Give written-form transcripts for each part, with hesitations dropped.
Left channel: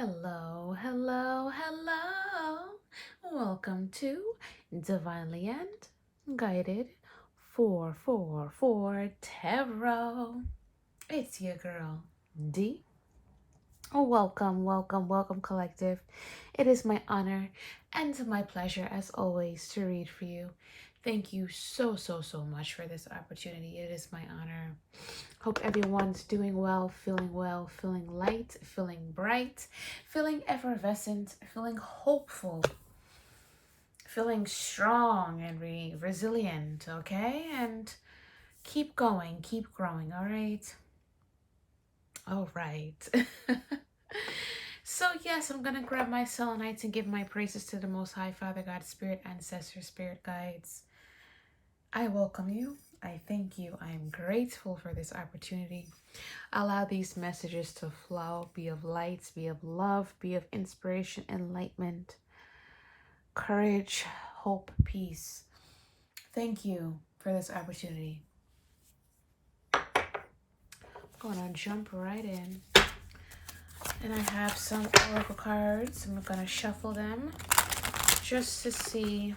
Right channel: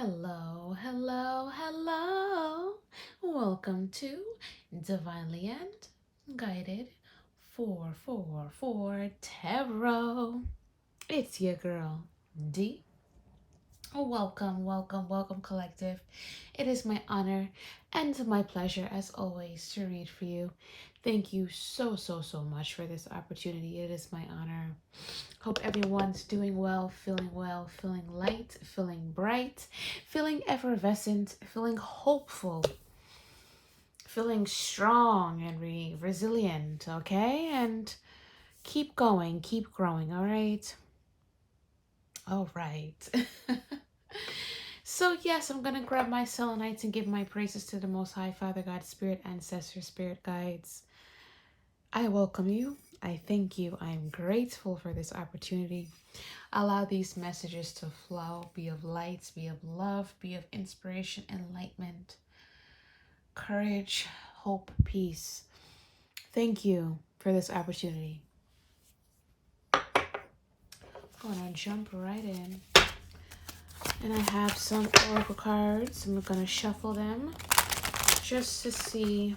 Hello, hello, hello. Welcome to Divinely and Guided 444 Tarot. It's your girl, D. Welcome, welcome, welcome, collective. It is my honor and my pleasure, as always, to read for you. Thank you so much for this opportunity. It is my honor. Hope everyone's doing well, feeling light, feeling bright, feeling effervescent, feeling hopeful, feeling strong and resilient, okay? And keep going, keep growing, all right? All right. So, yes, I'm going to grab my selenites and give my praises to the Most High, Father God, Spirit, Ancestors, Spirit Guides. I welcome you. I thank you. I am grateful for this opportunity. Allow these messages to flow, be of light, be of love, be of inspiration, enlightenment, courage, hope, peace. Thank you for this opportunity. I'm going to jump right in. And I have some oracle cards. I'm going to shuffle them just to see.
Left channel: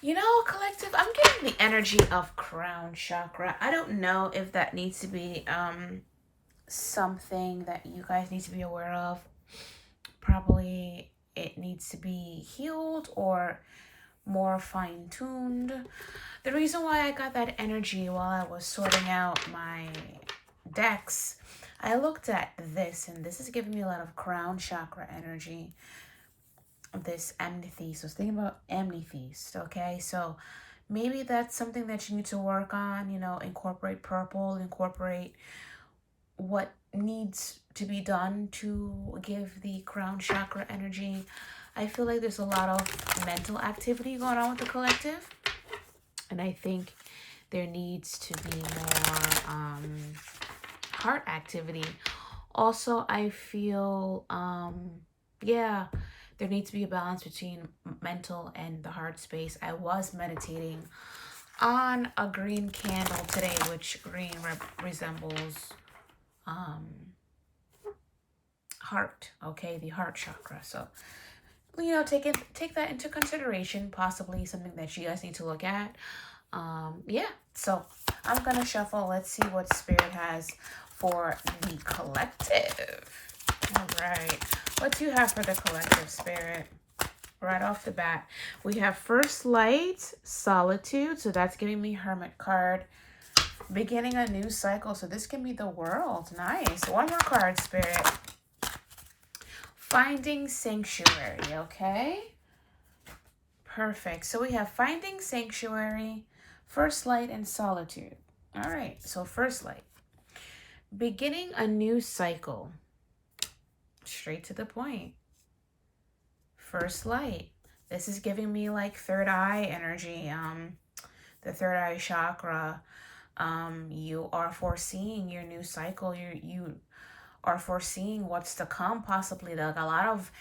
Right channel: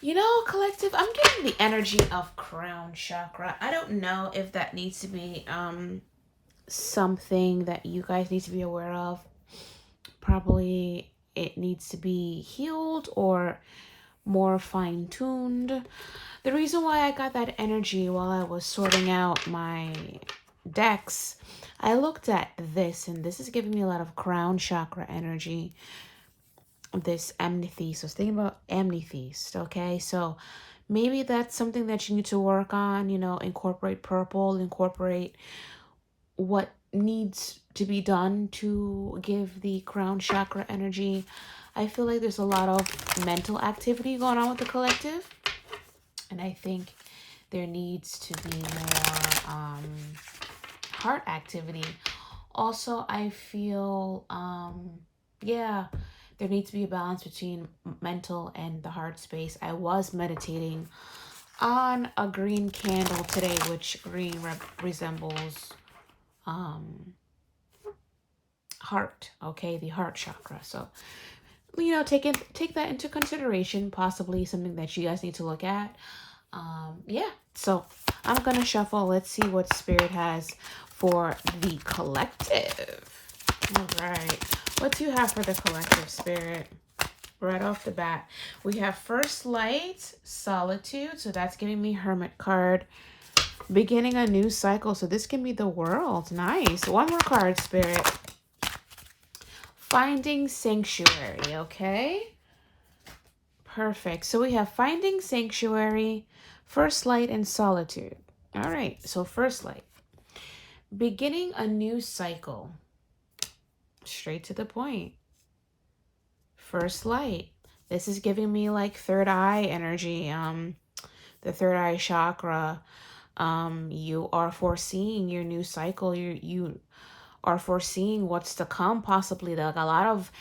You know, collective, I'm getting the energy of crown chakra. I don't know if that needs to be something that you guys need to be aware of. Probably it needs to be healed or more fine-tuned. The reason why I got that energy while I was sorting out my decks, I looked at this, and this is giving me a lot of crown chakra energy. This amethyst. I was thinking about amethyst, okay? So maybe that's something that you need to work on, you know, incorporate purple, incorporate what needs to be done to give the crown chakra energy. I feel like there's a lot of mental activity going on with the collective, and I think there needs to be more heart activity. Also, I feel there needs to be a balance between mental and the heart space. I was meditating on a green candle today, which green resembles heart, okay, the heart chakra. So, you know, take that into consideration, possibly something that you guys need to look at. So I'm gonna shuffle. Let's see what spirit has for the collective. All right, what do you have for the collective, spirit? Right off the bat, we have first light, solitude, so that's giving me hermit card. Beginning a new cycle, so this can be the world. Nice. One more card, spirit. Finding sanctuary, okay? Perfect. So we have finding sanctuary, first light, and solitude. All right, so first light. Beginning a new cycle. Straight to the point. First light. This is giving me like third eye energy, the third eye chakra. You are foreseeing your new cycle. You are foreseeing what's to come, possibly like a lot of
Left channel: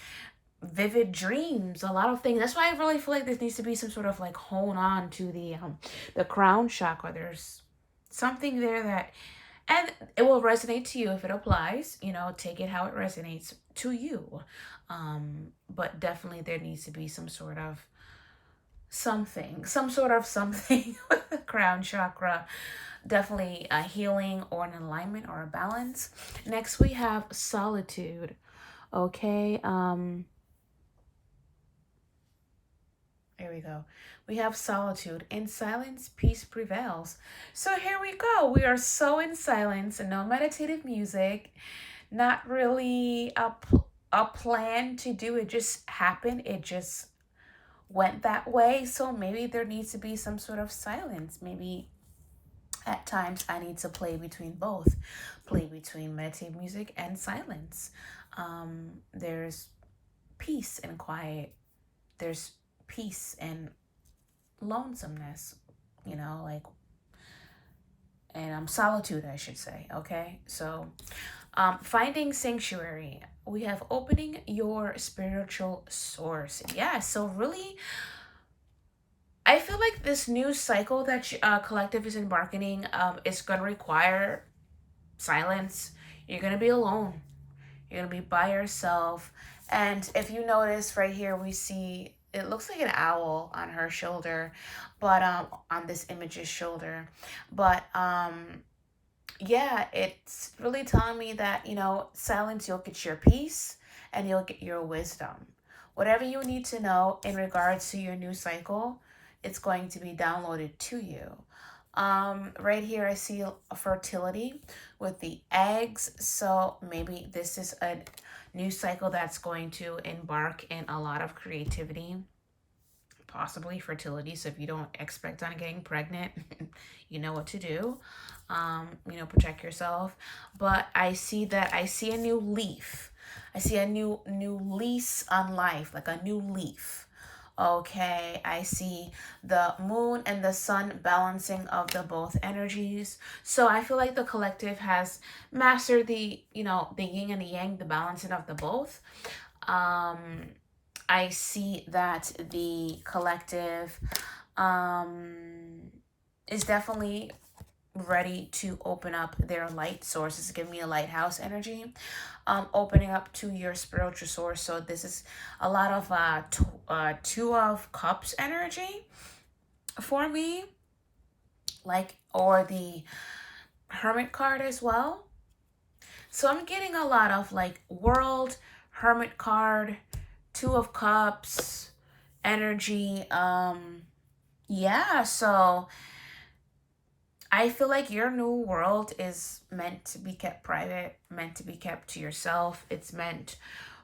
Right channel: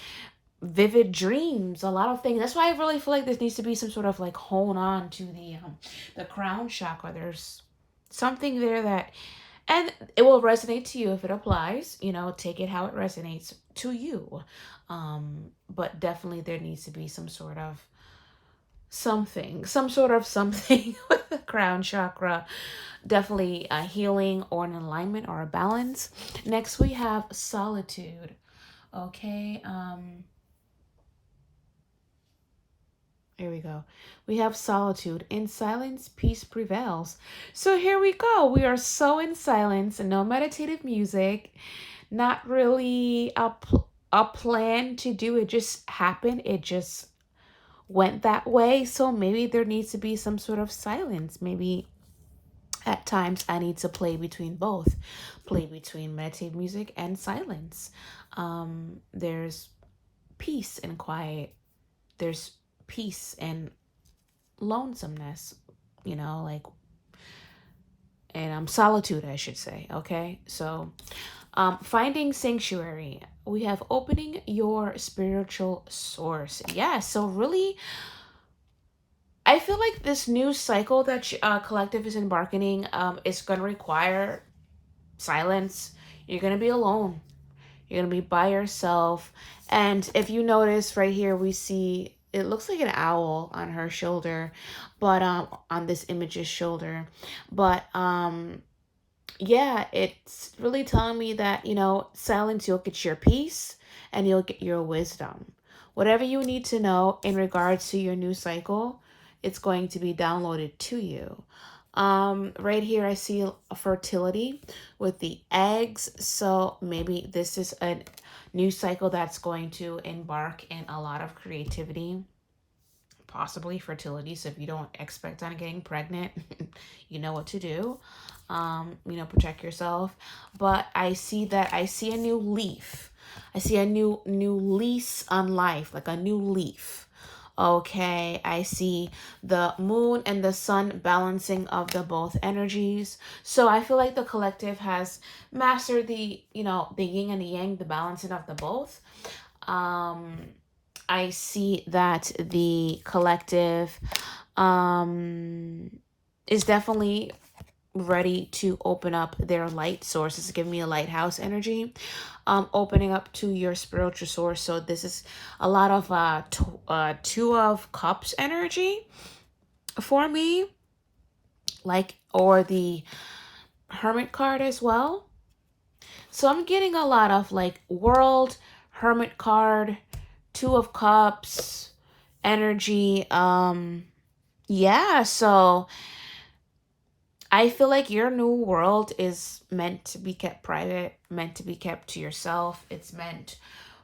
vivid dreams, a lot of things. That's why I really feel like this needs to be some sort of like hone on to the crown chakra. There's something there that, and it will resonate to you if it applies. You know, take it how it resonates to you. But definitely there needs to be some sort of something with the crown chakra. Definitely a healing or an alignment or a balance. Next we have solitude. Okay, here we go. We have solitude. In silence, peace prevails. So here we go. We are so in silence, no meditative music, not really a plan to do. It just happened. It just went that way. So maybe there needs to be some sort of silence. Maybe at times I need to play between both. Play between meditative music and silence. There's peace and quiet. There's peace and lonesomeness, you know, like, and solitude, I should say. Okay, so finding sanctuary. We have opening your spiritual source. Yeah, so really, I feel like this new cycle that collective is embarking is going to require silence. You're going to be alone. You're going to be by yourself. And if you notice right here, we see it looks like an owl on her shoulder, but on this image's shoulder. But yeah, it's really telling me that, silence, you'll get your peace and you'll get your wisdom. Whatever you need to know in regards to your new cycle, it's going to be downloaded to you. Right here, I see a fertility with the eggs. So maybe this is a new cycle that's going to embark in a lot of creativity, possibly fertility. So if you don't expect on getting pregnant, you know what to do. Protect yourself. But I see a new leaf. I see a new lease on life, like a new leaf. Okay, I see the moon and the sun balancing of the both energies. So I feel like the collective has mastered the yin and the yang, the balancing of the both. I see that the collective is definitely ready to open up their light sources. Give me a lighthouse energy, opening up to your spiritual source. So this is a lot of two of cups energy for me, or the hermit card as well. So I'm getting a lot of world, hermit card, two of cups energy. Yeah, so I feel like your new world is meant to be kept private, meant to be kept to yourself. It's meant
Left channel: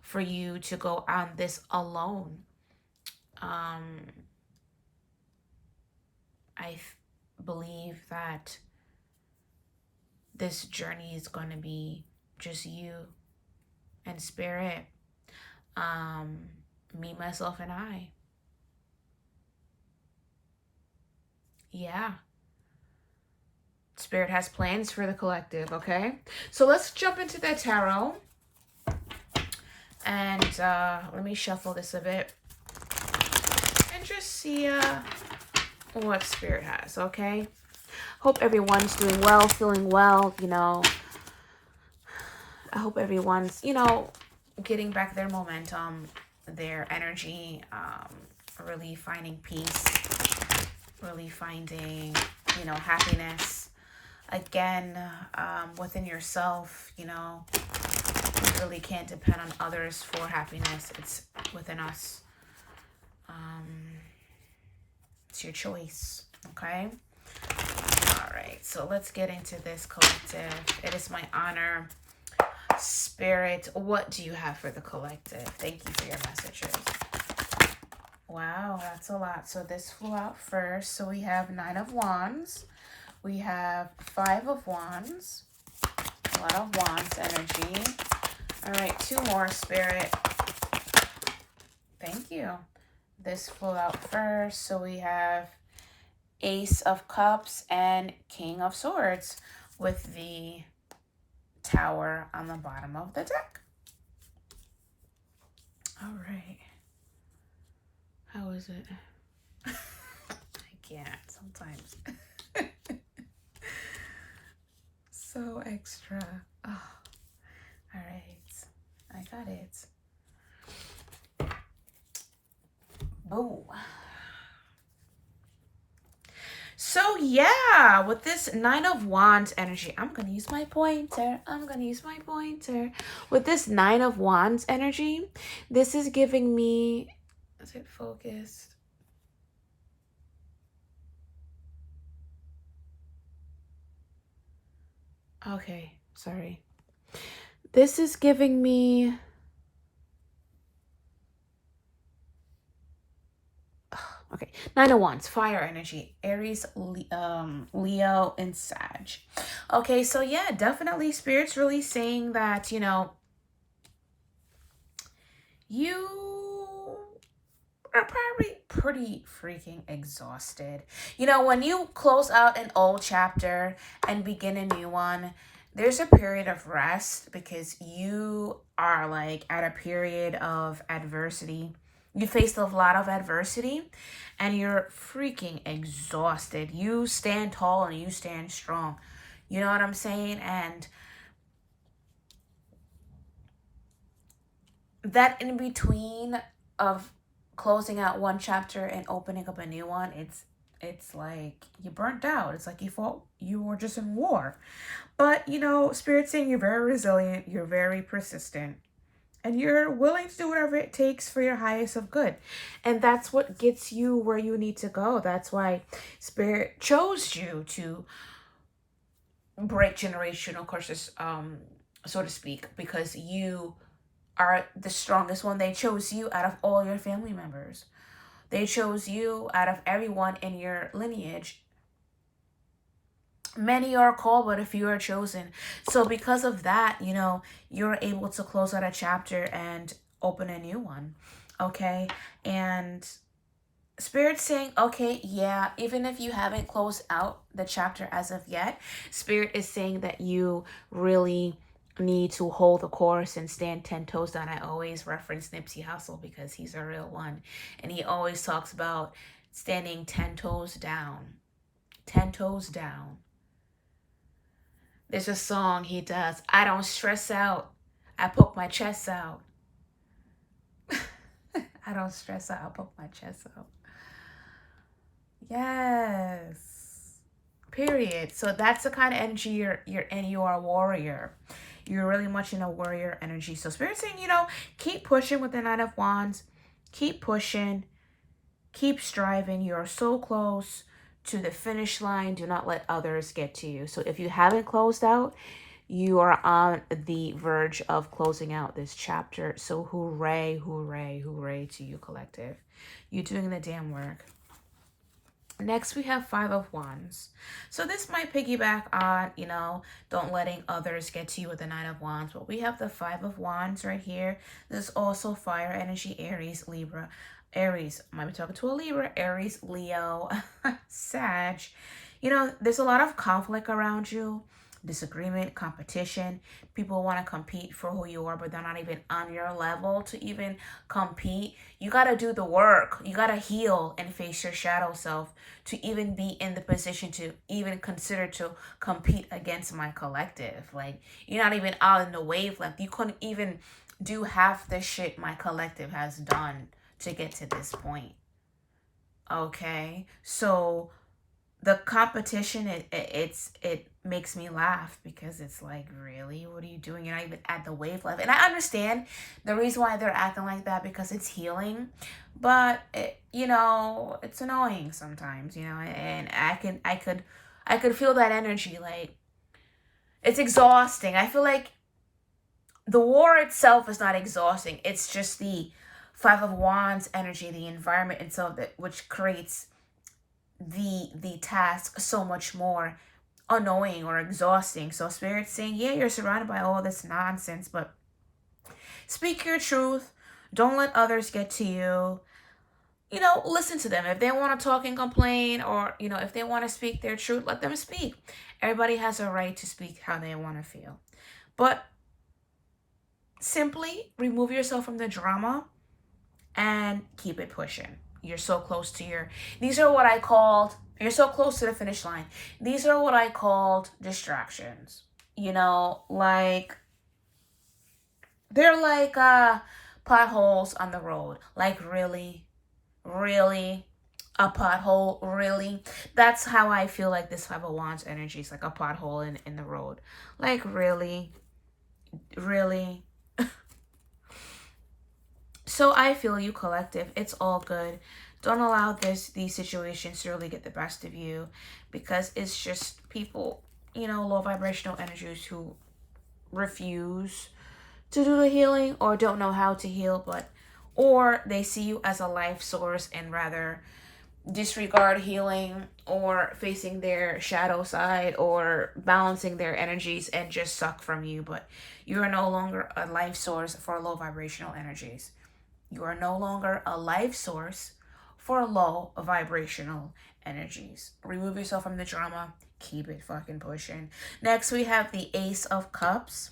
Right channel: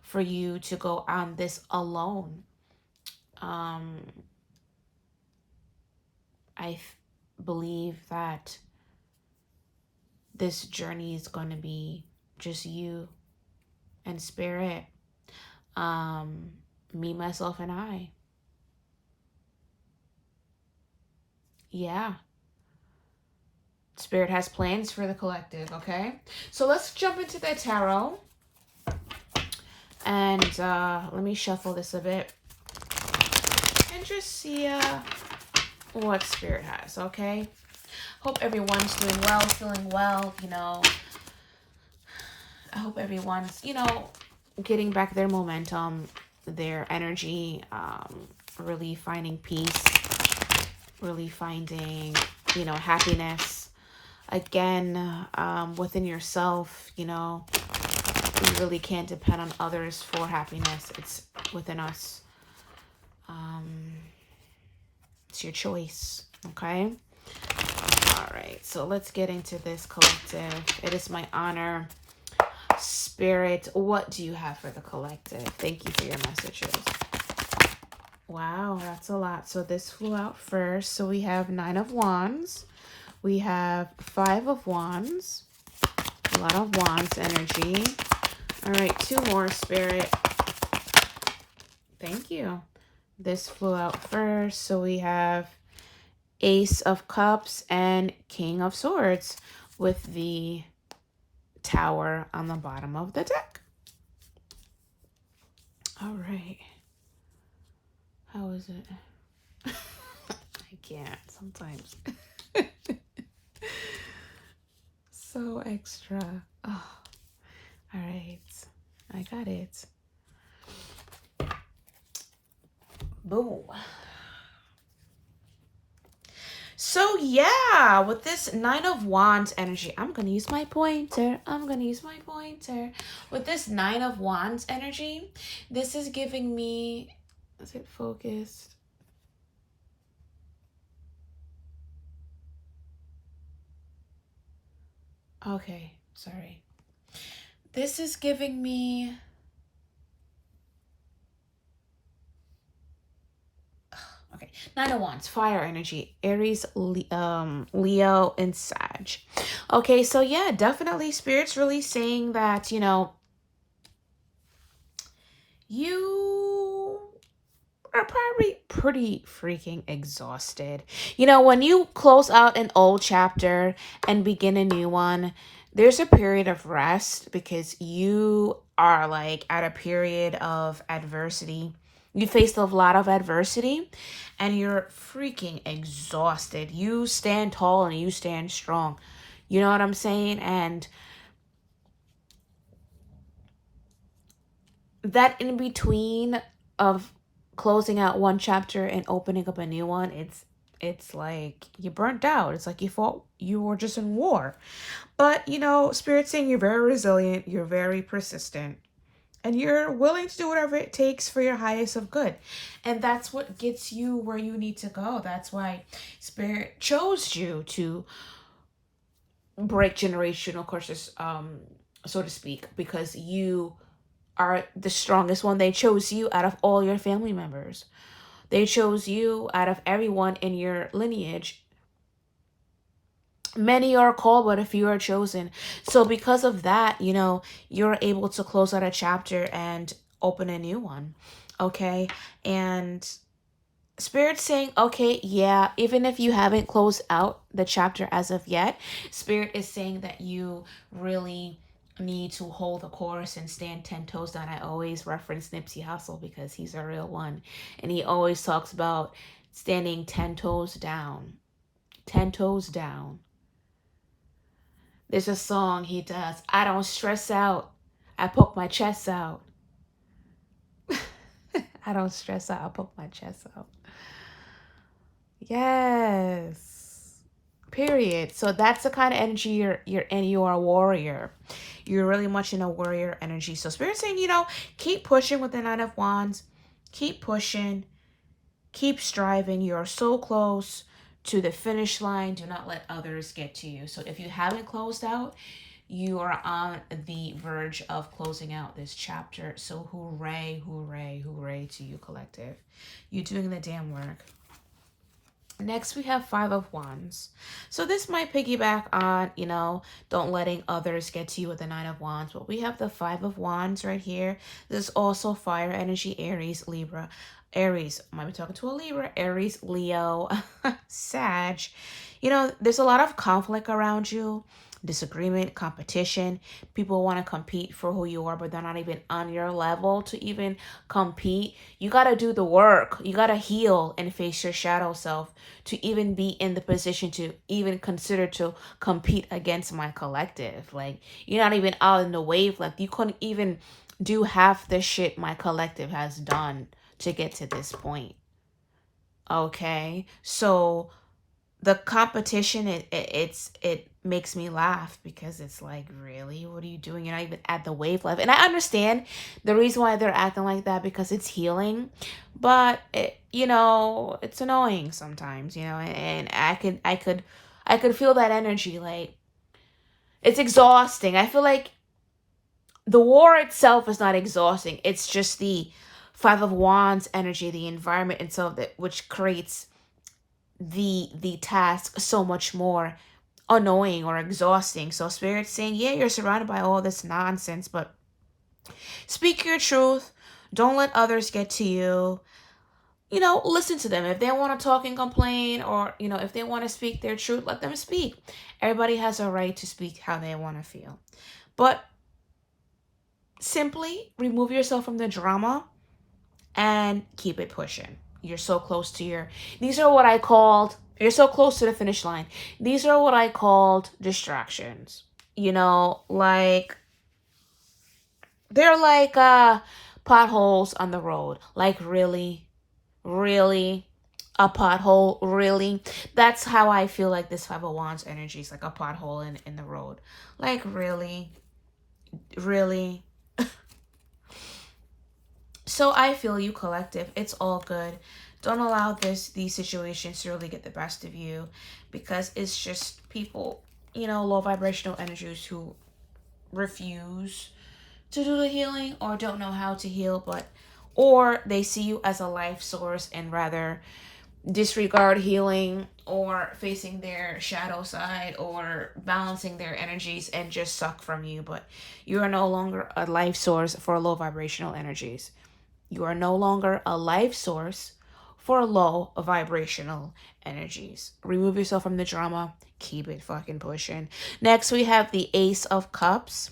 for you to go on this alone. I believe that this journey is going to be just you and spirit, me, myself, and I. Yeah. Spirit has plans for the collective, okay? So let's jump into the tarot. And let me shuffle this a bit. And just see what Spirit has, okay? Hope everyone's doing well, feeling well, I hope everyone's, getting back their momentum, their energy, really finding peace, really finding, happiness. Again, within yourself, you really can't depend on others for happiness. It's within us. It's your choice, okay? All right, so let's get into this collective. It is my honor. Spirit, what do you have for the collective? Thank you for your messages. Wow, that's a lot. So this flew out first. So we have 9 of Wands. We have 5 of Wands. A lot of Wands energy. All right, 2 more, Spirit. Thank you. This flew out first. So we have Ace of Cups and King of Swords with the Tower on the bottom of the deck. All right. How is it? I can't sometimes. So extra. Oh, all right. I got it. Boom. So yeah, with this 9 of Wands energy, I'm going to use my pointer. With this 9 of Wands energy, this is giving me, is it focused? Okay, sorry. This is giving me, okay, 9 of Wands, fire energy, Aries, Leo, and Sag. Okay, so yeah, definitely Spirit's really saying that, you are probably pretty freaking exhausted. When you close out an old chapter and begin a new one, there's a period of rest because you are at a period of adversity. You faced a lot of adversity and you're freaking exhausted. You stand tall and you stand strong. You know what I'm saying? And that in between of closing out one chapter and opening up a new one, it's like you burnt out. It's like you were just in war. But Spirit's saying you're very resilient, you're very persistent, and you're willing to do whatever it takes for your highest of good. And that's what gets you where you need to go. That's why Spirit chose you to break generational curses, so to speak, because you are the strongest one. They chose you out of all your family members. They chose you out of everyone in your lineage. Many are called, but a few are chosen. So because of that, you're able to close out a chapter and open a new one. Okay. And Spirit's saying, okay, yeah, even if you haven't closed out the chapter as of yet, Spirit is saying that you really need to hold the course and stand 10 toes down. I always reference Nipsey Hussle because he's a real one. And he always talks about standing 10 toes down. 10 toes down. There's a song he does. I don't stress out. I poke my chest out. I don't stress out. I poke my chest out. Yes. Period. So that's the kind of energy you're in. You are a warrior. You're really much in a warrior energy. So Spirit's saying, keep pushing with the Nine of Wands. Keep pushing. Keep striving. You are so close to the finish line. Do not let others get to you. So if you haven't closed out, you are on the verge of closing out this chapter. So hooray, hooray, hooray to you, collective. You're doing the damn work. Next, we have Five of Wands. So this might piggyback on, don't letting others get to you with the Nine of Wands. But we have the Five of Wands right here. This is also fire energy, Aries, Libra. Aries, I might be talking to a Libra, Aries, Leo, Sag. There's a lot of conflict around you, disagreement, competition. People want to compete for who you are, but they're not even on your level to even compete. You got to do the work. You got to heal and face your shadow self to even be in the position to even consider to compete against my collective. Like, you're not even out in the wavelength. You couldn't even do half the shit my collective has done to get to this point. Okay, so the competition, it makes me laugh because it's like, really, what are you doing? You're not even at the wavelength. And I understand the reason why they're acting like that, because it's healing, but it's annoying sometimes, and I could feel that energy. Like, it's exhausting. I feel like the war itself is not exhausting. It's just the Five of Wands energy, the environment itself, which creates the task so much more annoying or exhausting. So Spirit's saying, yeah, you're surrounded by all this nonsense, but speak your truth. Don't let others get to you. Listen to them. If they want to talk and complain, or if they want to speak their truth, let them speak. Everybody has a right to speak how they want to feel, but simply remove yourself from the drama and keep it pushing. You're so close to you're so close to the finish line. These are what I called distractions. Like, they're like potholes on the road. Like, really? Really? A pothole? Really? That's how I feel like this Five of Wands energy is, like a pothole in the road. Like, really? Really? So I feel you, collective. It's all good. Don't allow these situations to really get the best of you, because it's just people, low vibrational energies who refuse to do the healing or don't know how to heal, or they see you as a life source and rather disregard healing or facing their shadow side or balancing their energies and just suck from you. But you are no longer a life source for low vibrational energies. You are no longer a life source for low vibrational energies. Remove yourself from the drama. Keep it fucking pushing. Next, we have the Ace of Cups.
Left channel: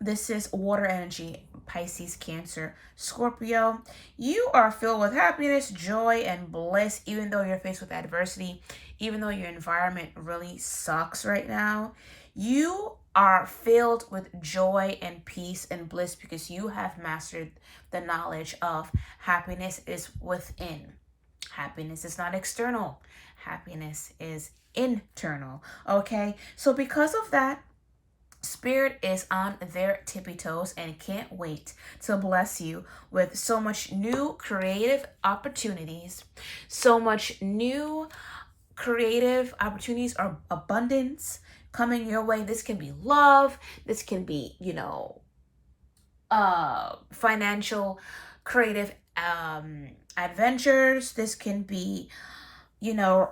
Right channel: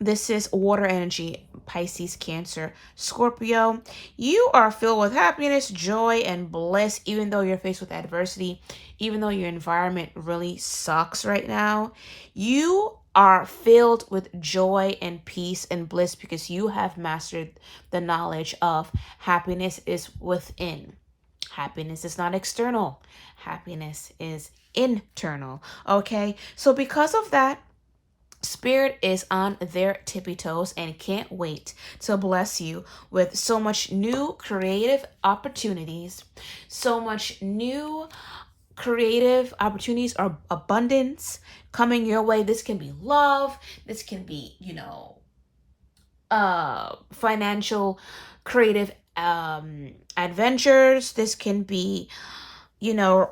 This is water energy, Pisces, Cancer, Scorpio. You are filled with happiness, joy, and bliss, even though you're faced with adversity, even though your environment really sucks right now. You are filled with joy and peace and bliss because you have mastered the knowledge of happiness is within. Happiness is not external. Happiness is internal. Okay? So because of that, Spirit is on their tippy toes and can't wait to bless you with so much new creative opportunities, so much new creative opportunities or abundance coming your way. This can be love, this can be, financial creative adventures, this can be,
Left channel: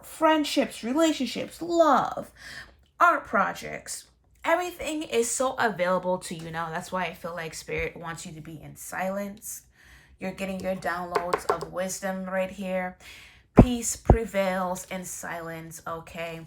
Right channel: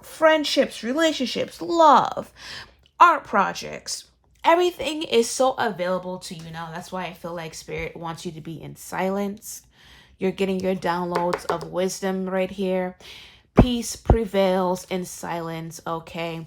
friendships, relationships, love, art projects. Everything is so available to you now. That's why I feel like Spirit wants you to be in silence. You're getting your downloads of wisdom right here. Peace prevails in silence, okay?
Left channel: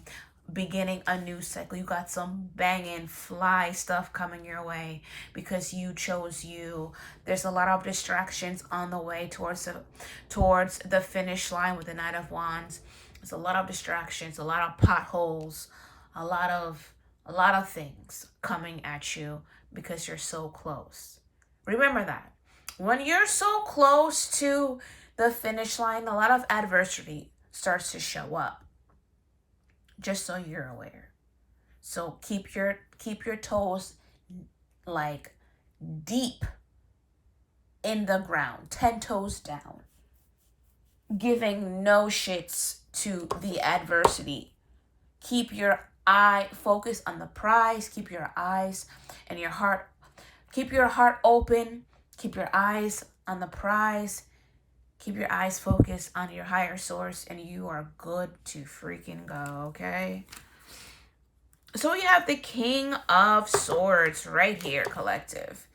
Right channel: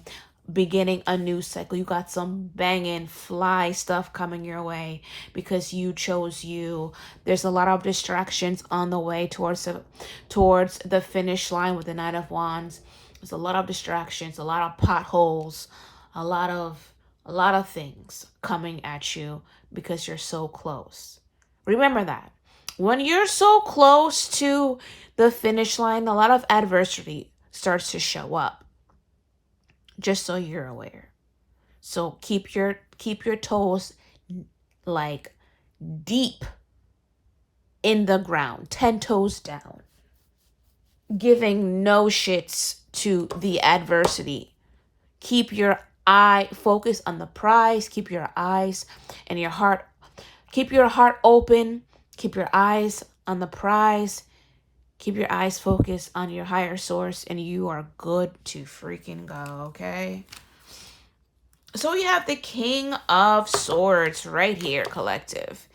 Beginning a new cycle. You got some banging fly stuff coming your way because you chose you. There's a lot of distractions on the way towards the finish line with the Knight of Wands. There's a lot of distractions, a lot of potholes, a lot of things coming at you because you're so close. Remember that. When you're so close to the finish line, a lot of adversity starts to show up. Just so you're aware. So keep your toes like deep in the ground, 10 toes down. Giving no shits to the adversity. Keep your eye focused on the prize. Keep your eyes and your heart. Keep your heart open. Keep your eyes on the prize. Keep your eyes focused on your higher source and you are good to freaking go, okay? So we have the King of Swords right here, collective.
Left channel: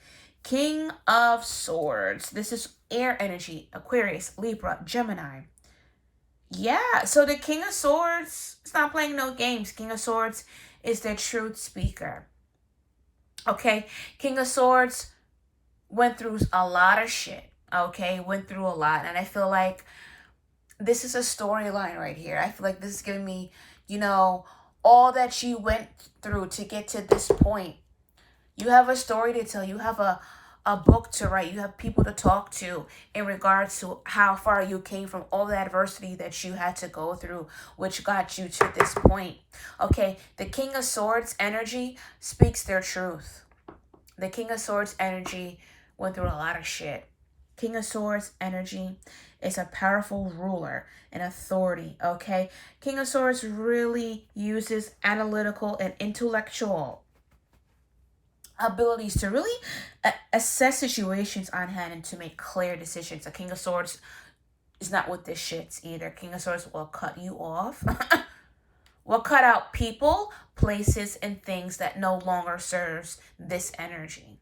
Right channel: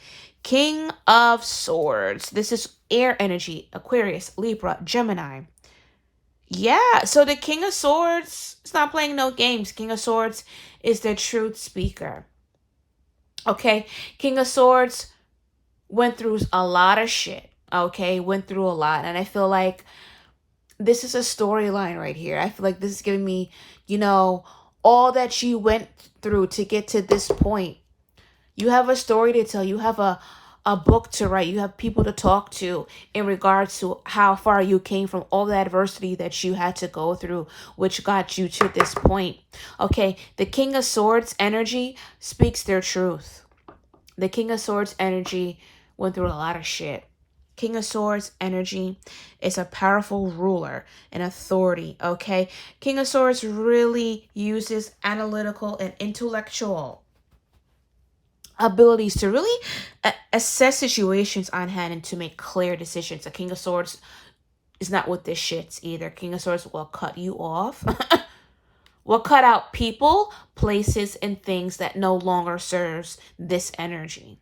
King of Swords. This is air energy, Aquarius, Libra, Gemini. Yeah, so the King of Swords is not playing no games. King of Swords is the truth speaker. Okay, King of Swords went through a lot of shit. Okay, went through a lot. And I feel like this is a storyline right here. I feel like this is giving me, all that you went through to get to this point. You have a story to tell. You have a book to write. You have people to talk to in regards to how far you came from all the adversity that you had to go through, which got you to this point. Okay, the King of Swords energy speaks their truth. The King of Swords energy went through a lot of shit. King of Swords energy is a powerful ruler and authority, okay? King of Swords really uses analytical and intellectual abilities to really assess situations on hand and to make clear decisions. The King of Swords is not with this shits either. King of Swords will cut you off. Will cut out people, places, and things that no longer serves this energy.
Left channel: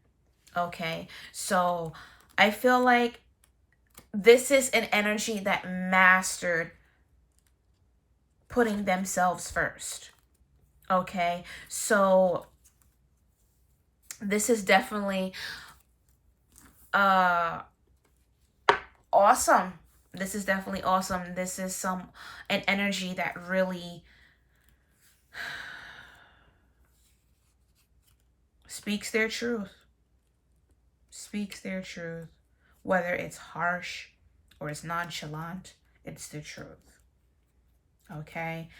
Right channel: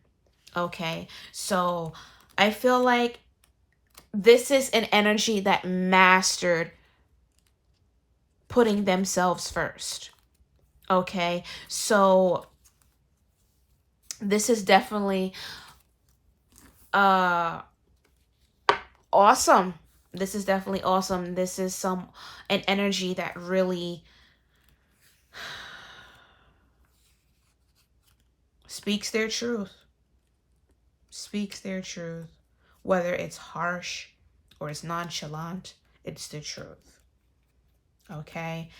Okay? So I feel like this is an energy that mastered putting themselves first. Okay? So this is definitely awesome. This is definitely awesome. This is an energy that really speaks their truth. Speaks their truth. Whether it's harsh or it's nonchalant, it's the truth. Okay?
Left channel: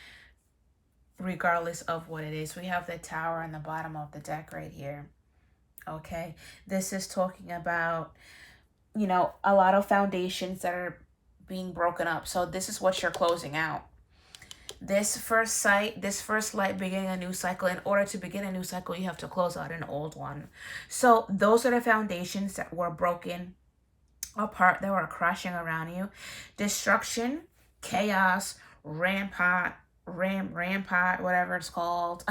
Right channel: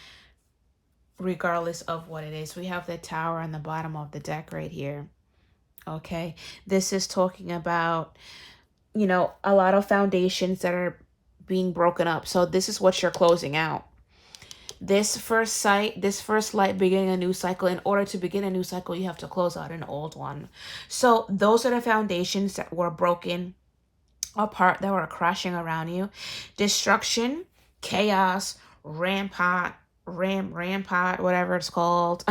Regardless of what it is. We have the Tower on the bottom of the deck right here. Okay? This is talking about, a lot of foundations that are being broken up. So this is what you're closing out. This first light beginning a new cycle. In order to begin a new cycle, you have to close out an old one. So those are the foundations that were broken apart, that were crashing around you. Destruction, chaos, rampart, whatever it's called.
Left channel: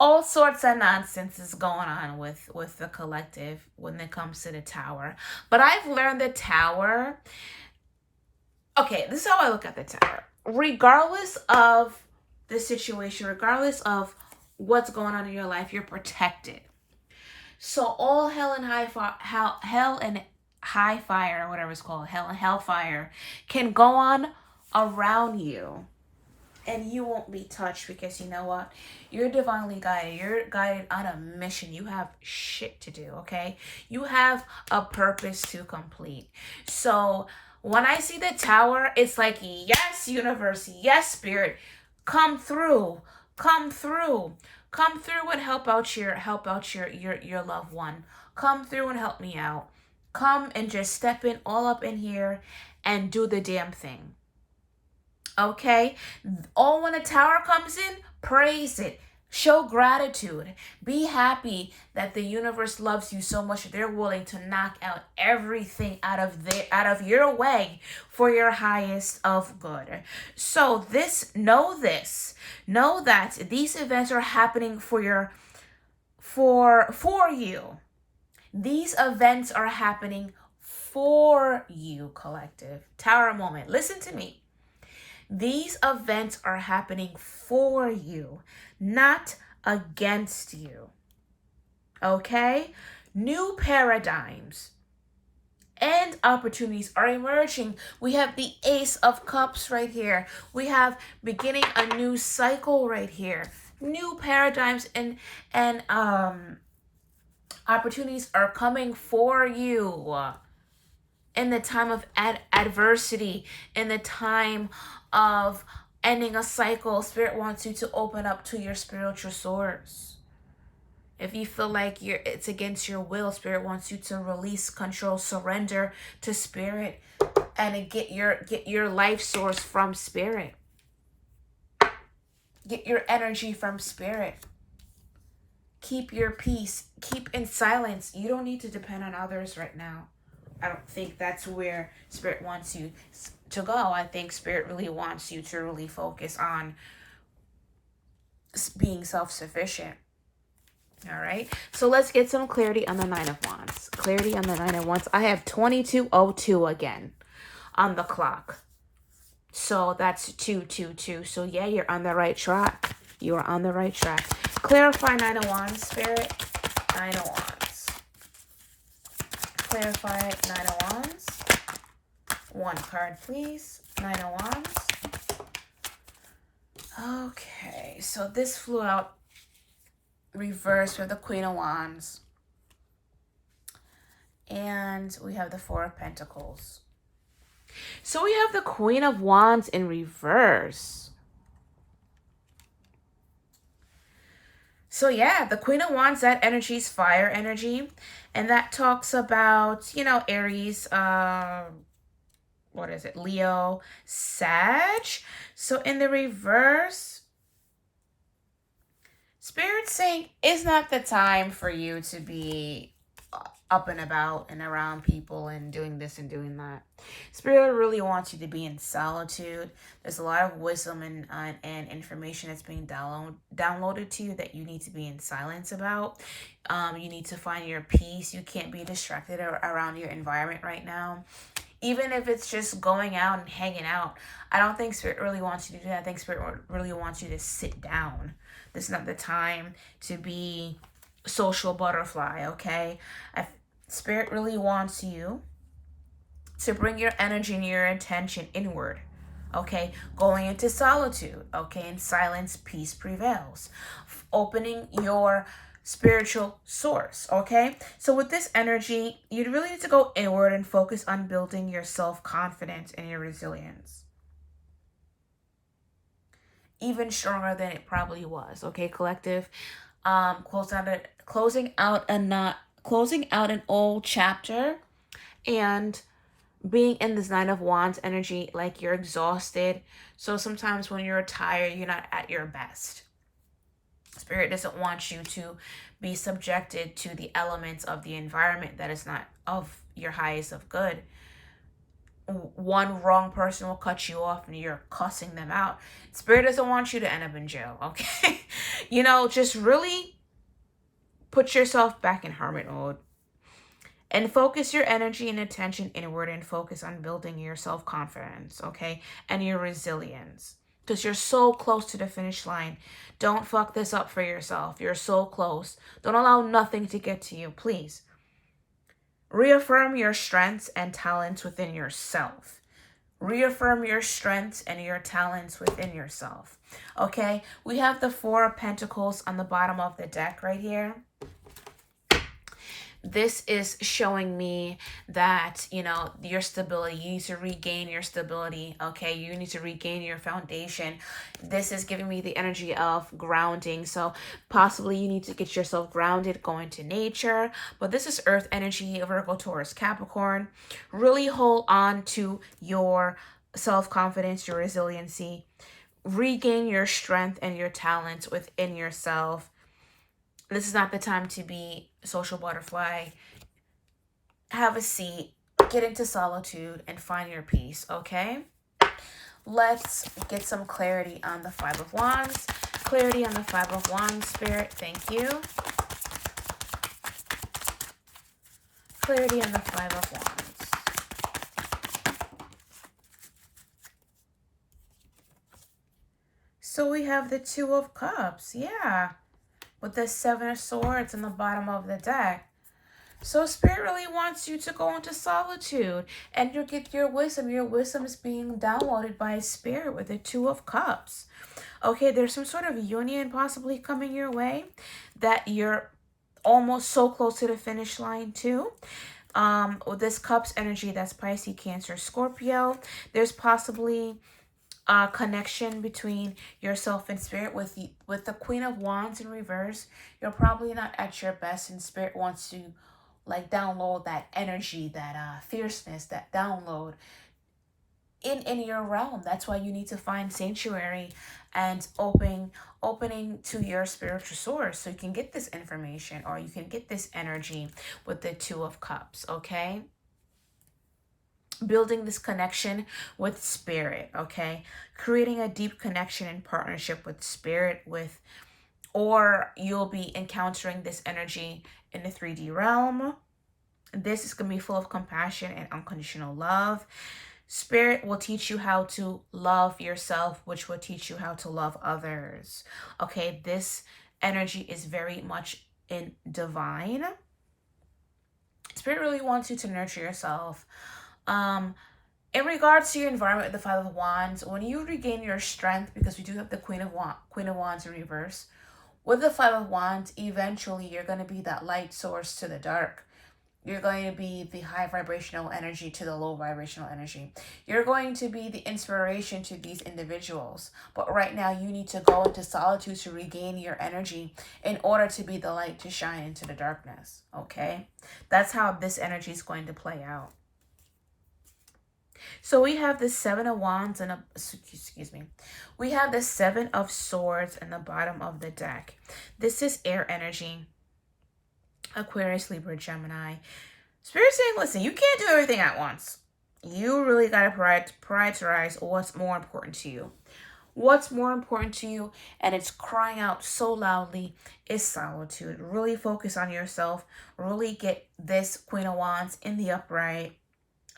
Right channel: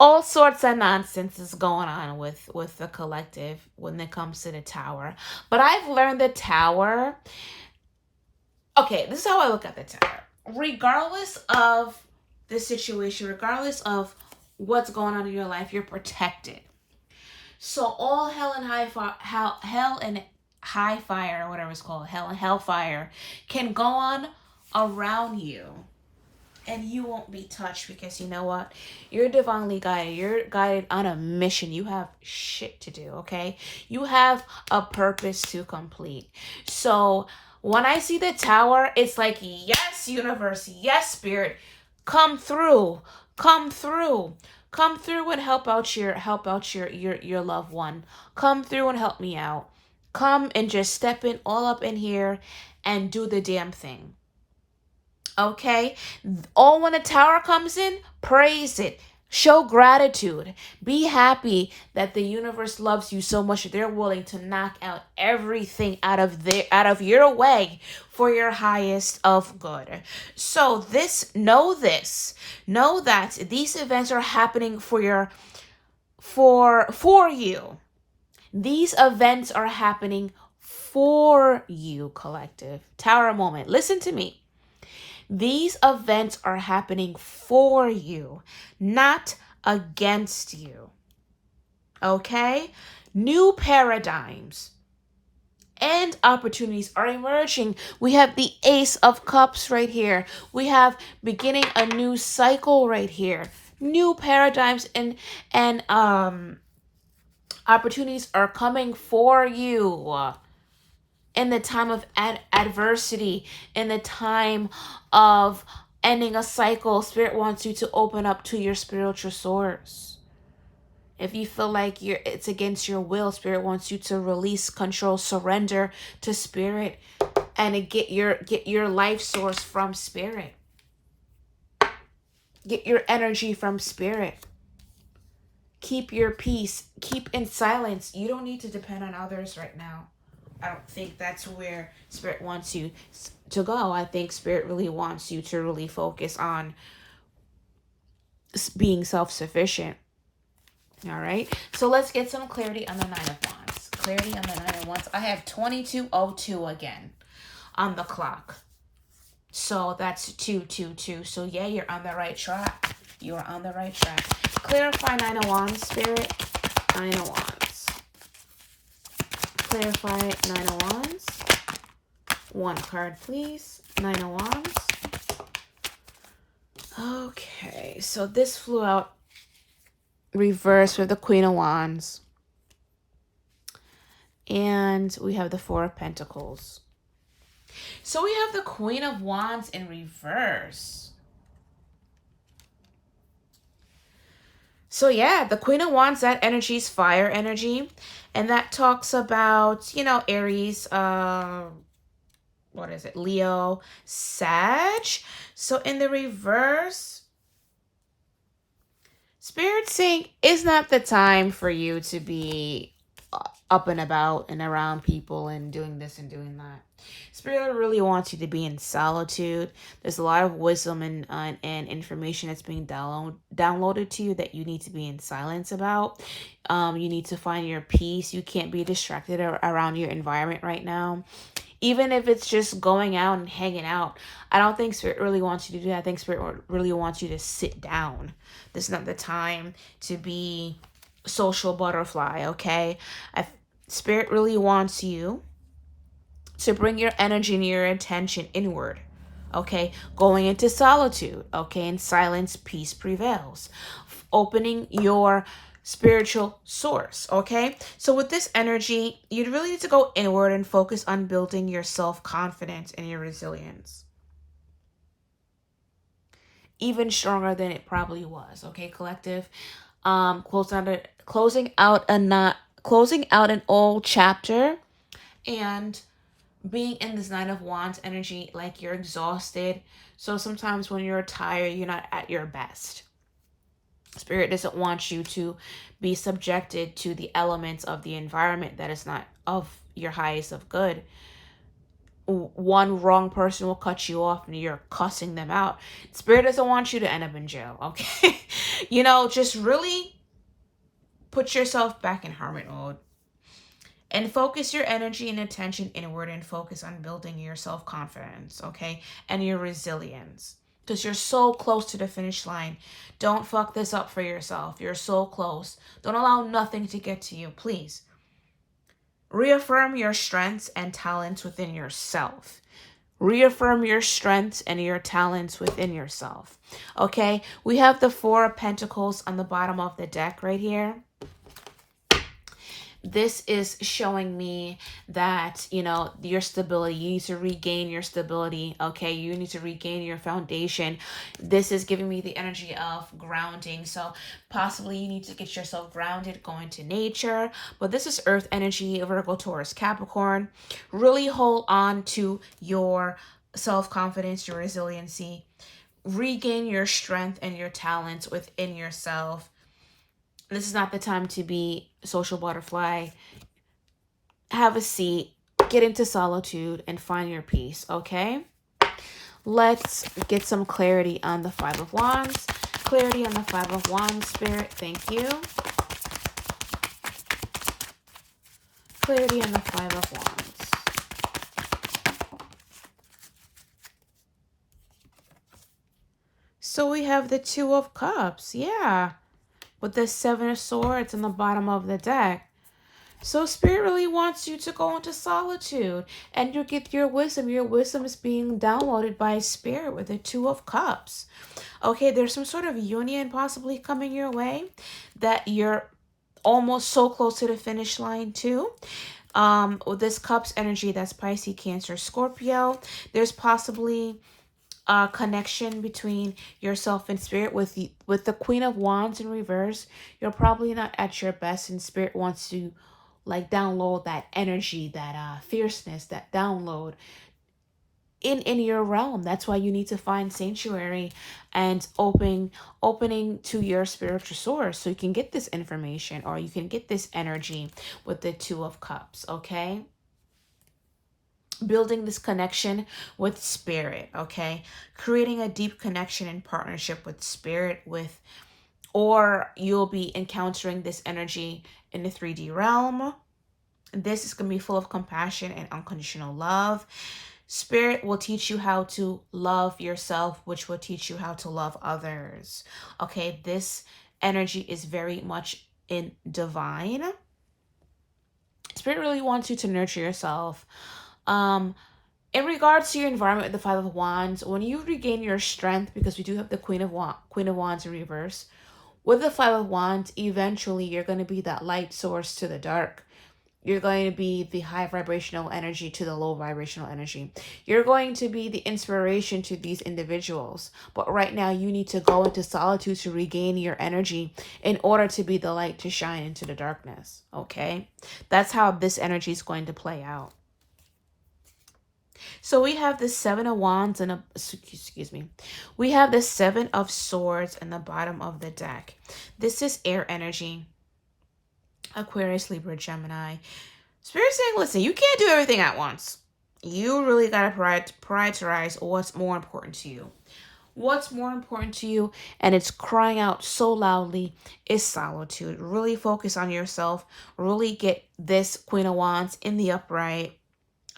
All sorts of nonsense is going on with the collective when it comes to the Tower. But I've learned the Tower. Okay, this is how I look at the Tower. Regardless of the situation, regardless of what's going on in your life, you're protected. So all hell and high fire, whatever it's called, hell and hellfire, can go on around you. And you won't be touched, because you know what? You're divinely guided. You're guided on a mission. You have shit to do, okay? You have a purpose to complete. So when I see the tower, it's like, yes, universe, yes, spirit, come through, come through, come through and help out your loved one. Come through and help me out. Come and just step in all up in here and do the damn thing. Okay? Oh, when a tower comes in, praise it. Show gratitude. Be happy that the universe loves you so much that they're willing to knock out everything out of your way for your highest of good. So know that these events are happening for you. These events are happening for you, collective. Tower moment. Listen to me. These events are happening for you, not against you. Okay? New paradigms and opportunities are emerging. We have the Ace of Cups right here. We have beginning a new cycle right here. New paradigms and opportunities are coming for you in the time of adversity, in the time of ending a cycle. Spirit wants you to open up to your spiritual source. If you feel like it's against your will, Spirit wants you to release, control, surrender to Spirit, and get your life source from Spirit. Get your energy from Spirit. Keep your peace. Keep in silence. You don't need to depend on others right now. I don't think that's where Spirit wants you to go. I think Spirit really wants you to really focus on being self-sufficient. All right. So let's get some clarity on the Nine of Wands. Clarity on the Nine of Wands. I have 2202 again on the clock. So that's 222. So yeah, you're on the right track. You are on the right track. Clarify Nine of Wands, Spirit. Nine of Wands. Clarify Nine of Wands. One card, please. Nine of Wands. Okay, so this flew out reverse with the Queen of Wands. And we have the Four of Pentacles. So we have the Queen of Wands in reverse. So yeah, the Queen of Wands, that energy is fire energy. And that talks about, Aries, what is it? Leo, Sag. So in the reverse, Spirit saying it's not the time for you to be up and about and around people and doing this and doing that. Spirit really wants you to be in solitude. There's a lot of wisdom and information that's being downloaded to you that you need to be in silence about. You need to find your peace. You can't be distracted around your environment right now. Even if it's just going out and hanging out, I don't think Spirit really wants you to do that. I think Spirit really wants you to sit down. This is not the time to be social butterfly, okay? Spirit really wants you to bring your energy and your attention inward, okay? Going into solitude, okay? In silence, peace prevails. Opening your spiritual source, okay? So with this energy, you really need to go inward and focus on building your self-confidence and your resilience. Even stronger than it probably was, okay, collective? Closing out an old chapter and being in this Nine of Wands energy, like you're exhausted. So sometimes when you're tired, you're not at your best. Spirit doesn't want you to be subjected to the elements of the environment that is not of your highest of good. One wrong person will cut you off and you're cussing them out. Spirit doesn't want you to end up in jail, okay? Just really put yourself back in hermit mode and focus your energy and attention inward and focus on building your self-confidence, okay? And your resilience, because you're so close to the finish line. Don't fuck this up for yourself. You're so close. Don't allow nothing to get to you, please. Reaffirm your strengths and talents within yourself. Reaffirm your strengths and your talents within yourself. Okay, we have the Four of Pentacles on the bottom of the deck right here. This is showing me that, you know, your stability, you need to regain your stability. Okay, you need to regain your foundation. This is giving me the energy of grounding. So possibly you need to get yourself grounded, going to nature. But this is earth energy, Virgo, Taurus, Capricorn. Really hold on to your self-confidence, your resiliency. Regain your strength and your talents within yourself. This is not the time to be social butterfly. Have a seat, get into solitude, and find your peace, okay? Let's get some clarity on the Five of Wands. Clarity on the Five of Wands, Spirit. Thank you. Clarity on the Five of Wands. So we have the Two of Cups. Yeah. With the Seven of Swords on the bottom of the deck. So Spirit really wants you to go into solitude and you get your wisdom. Your wisdom is being downloaded by Spirit with the Two of Cups. Okay, there's some sort of union possibly coming your way that you're almost so close to the finish line too. With this Cups energy, that's Pisces, Cancer, Scorpio. There's possibly a connection between yourself and Spirit. With the Queen of Wands in reverse, you're probably not at your best, and Spirit wants to like download that energy, that fierceness, that download in your realm. That's why you need to find sanctuary and opening to your spiritual source so you can get this information, or you can get this energy with the Two of Cups. Okay, building this connection with Spirit. Okay, creating a deep connection and partnership with Spirit, or you'll be encountering this energy in the 3D realm. This is going to be full of compassion and unconditional love. Spirit will teach you how to love yourself, which will teach you how to love others. Okay, this energy is very much in divine. Spirit really wants you to nurture yourself. In regards to your environment with the Five of Wands, when you regain your strength, because we do have the Queen of Wands in reverse, with the Five of Wands, eventually you're going to be that light source to the dark. You're going to be the high vibrational energy to the low vibrational energy. You're going to be the inspiration to these individuals. But right now you need to go into solitude to regain your energy in order to be the light to shine into the darkness. Okay? That's how this energy is going to play out. So we have the Seven of Wands and we have the Seven of Swords in the bottom of the deck. This is air energy. Aquarius, Libra, Gemini. Spirit saying, listen, you can't do everything at once. You really got to prioritize what's more important to you. What's more important to you, and it's crying out so loudly, is solitude. Really focus on yourself. Really get this Queen of Wands in the upright.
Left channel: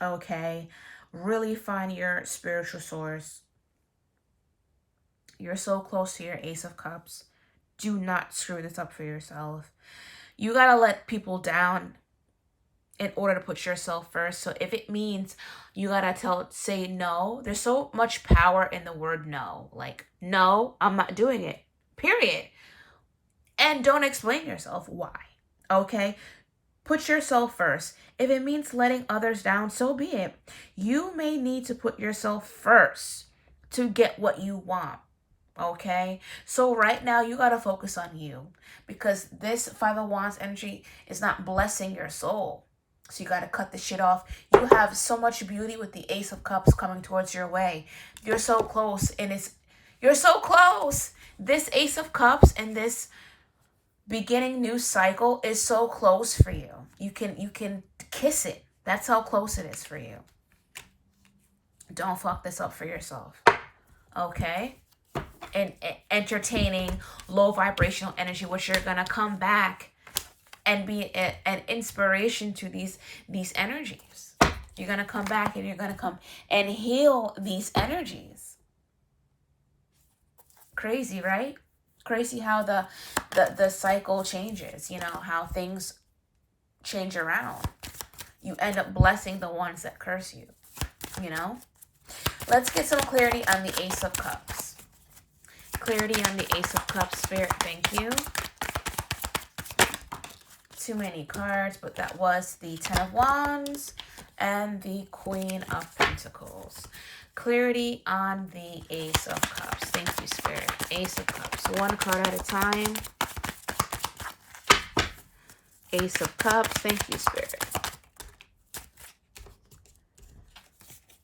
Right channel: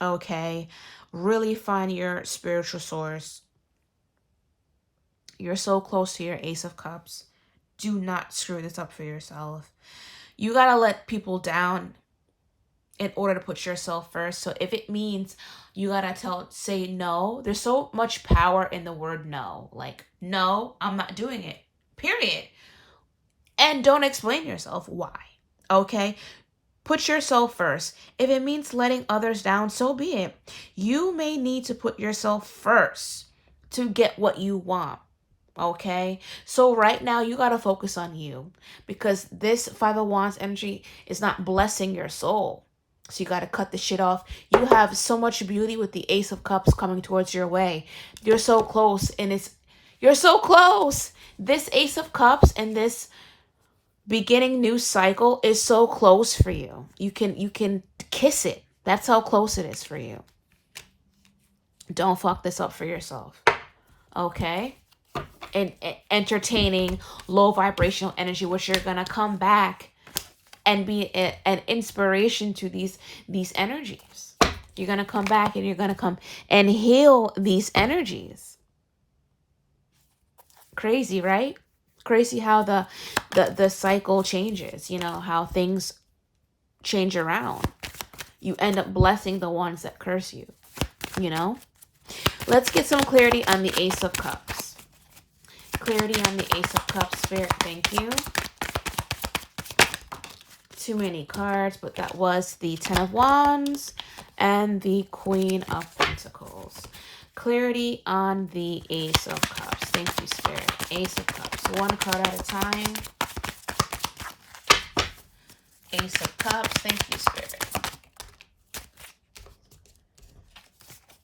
Okay? Really find your spiritual source. You're so close to your Ace of Cups. Do not screw this up for yourself. You got to let people down in order to put yourself first. So if it means you got to say no, there's so much power in the word no. Like, no, I'm not doing it. Period. And don't explain yourself why. Okay? Put yourself first. If it means letting others down, so be it. You may need to put yourself first to get what you want. Okay? So right now, you got to focus on you, because this Five of Wands energy is not blessing your soul. So you got to cut the shit off. You have so much beauty with the Ace of Cups coming towards your way. You're so close, and you're so close. This Ace of Cups and this beginning new cycle is so close for you. You can kiss it. That's how close it is for you. Don't fuck this up for yourself. Okay? And entertaining low vibrational energy, which you're gonna come back and be an inspiration to these energies. You're gonna come back and you're gonna come and heal these energies. Crazy, right? Crazy how the cycle changes, you know, how things change around. You end up blessing the ones that curse you, you know? Let's get some clarity on the Ace of Cups. Clarity on the Ace of Cups, Spirit, thank you. Too many cards, but that was the Ten of Wands and the Queen of Pentacles. Clarity on the Ace of Cups. Thank you, Spirit. Ace of Cups. One card at a time. Ace of Cups. Thank you, Spirit.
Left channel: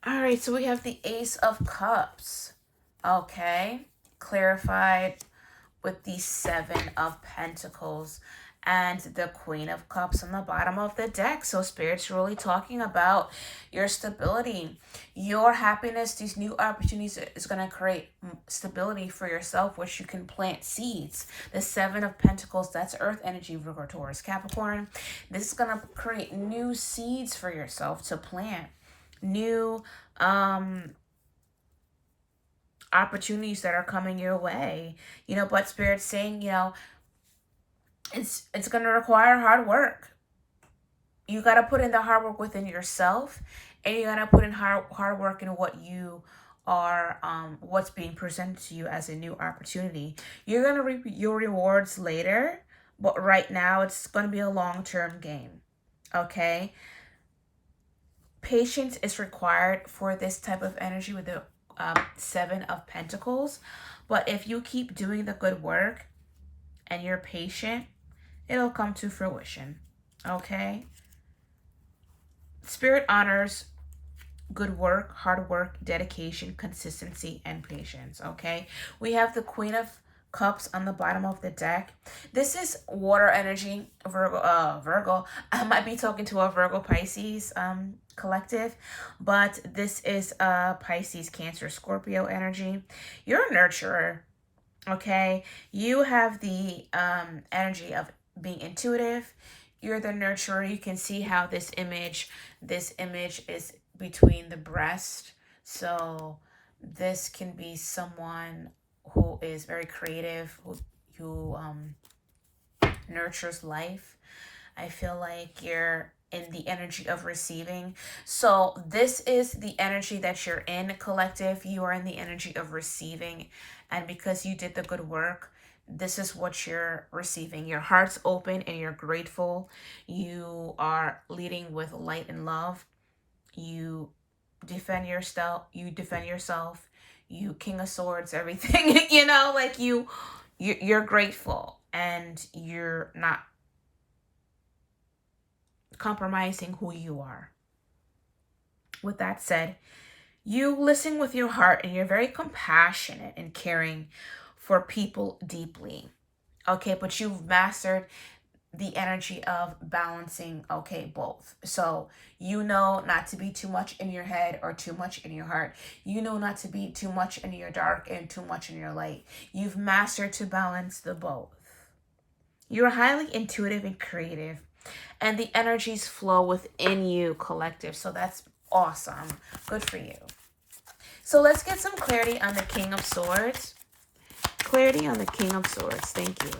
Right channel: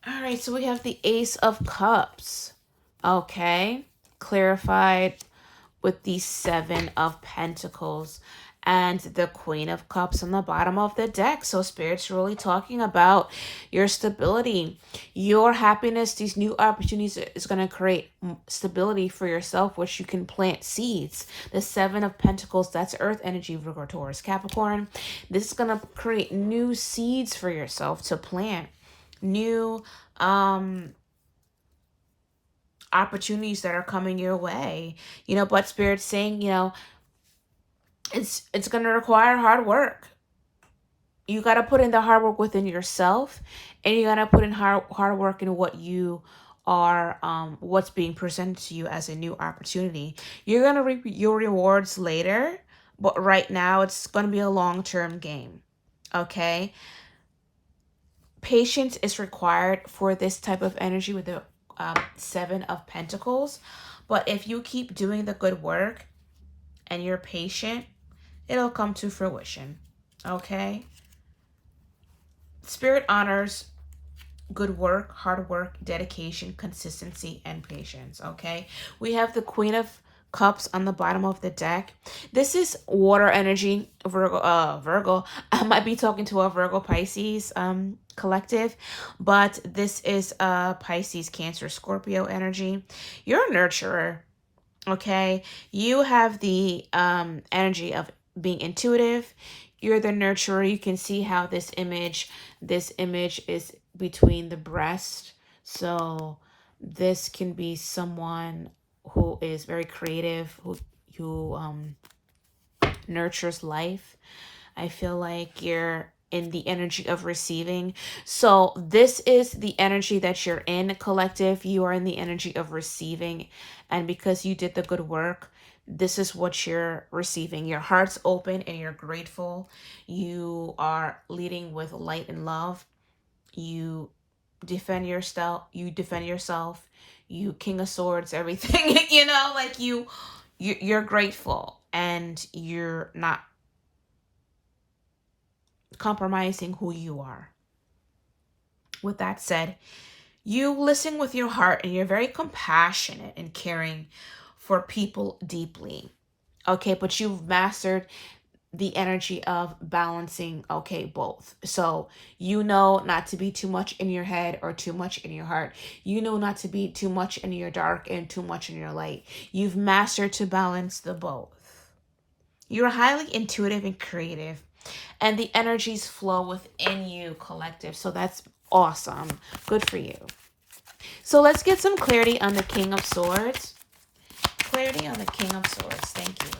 All right, so we have the Ace of Cups. Okay. Clarified with the Seven of Pentacles and the Queen of Cups on the bottom of the deck. So Spirit's really talking about your stability, your happiness. These new opportunities is going to create stability for yourself, which you can plant seeds. The Seven of Pentacles, that's Earth energy, Virgo, Taurus, Capricorn. This is going to create new seeds for yourself to plant. New opportunities that are coming your way, but Spirit's saying, it's going to require hard work. You got to put in the hard work within yourself, and you got to put in hard work in what you are, what's being presented to you as a new opportunity. You're going to reap your rewards later, but right now it's going to be a long-term game. Okay. Patience is required for this type of energy with the Seven of Pentacles. But if you keep doing the good work and you're patient, it'll come to fruition. Okay? Spirit honors good work, hard work, dedication, consistency, and patience. Okay? We have the Queen of Cups on the bottom of the deck. This is water energy, Virgo. I might be talking to a Virgo Pisces collective, but this is Pisces, Cancer, Scorpio energy. You're a nurturer. Okay? You have the energy of being intuitive. You're the nurturer. You can see how this image is between the breast. So this can be someone who is very creative, who nurtures life. I feel like you're in the energy of receiving. So this is the energy that you're in, collective. You are in the energy of receiving. And because you did the good work, this is what you're receiving. Your heart's open and you're grateful. You are leading with light and love. You defend yourself. You King of Swords, everything. Like you're grateful and you're not compromising who you are. With that said, you listen with your heart and you're very compassionate and caring for people deeply. Okay, but you've mastered the energy of balancing, both. So not to be too much in your head or too much in your heart. Not to be too much in your dark and too much in your light. You've mastered to balance the both. You're highly intuitive and creative, and the energies flow within you, collective. So that's awesome. Good for you. So let's get some clarity on the King of Swords. Clarity on the King of Swords. Thank you.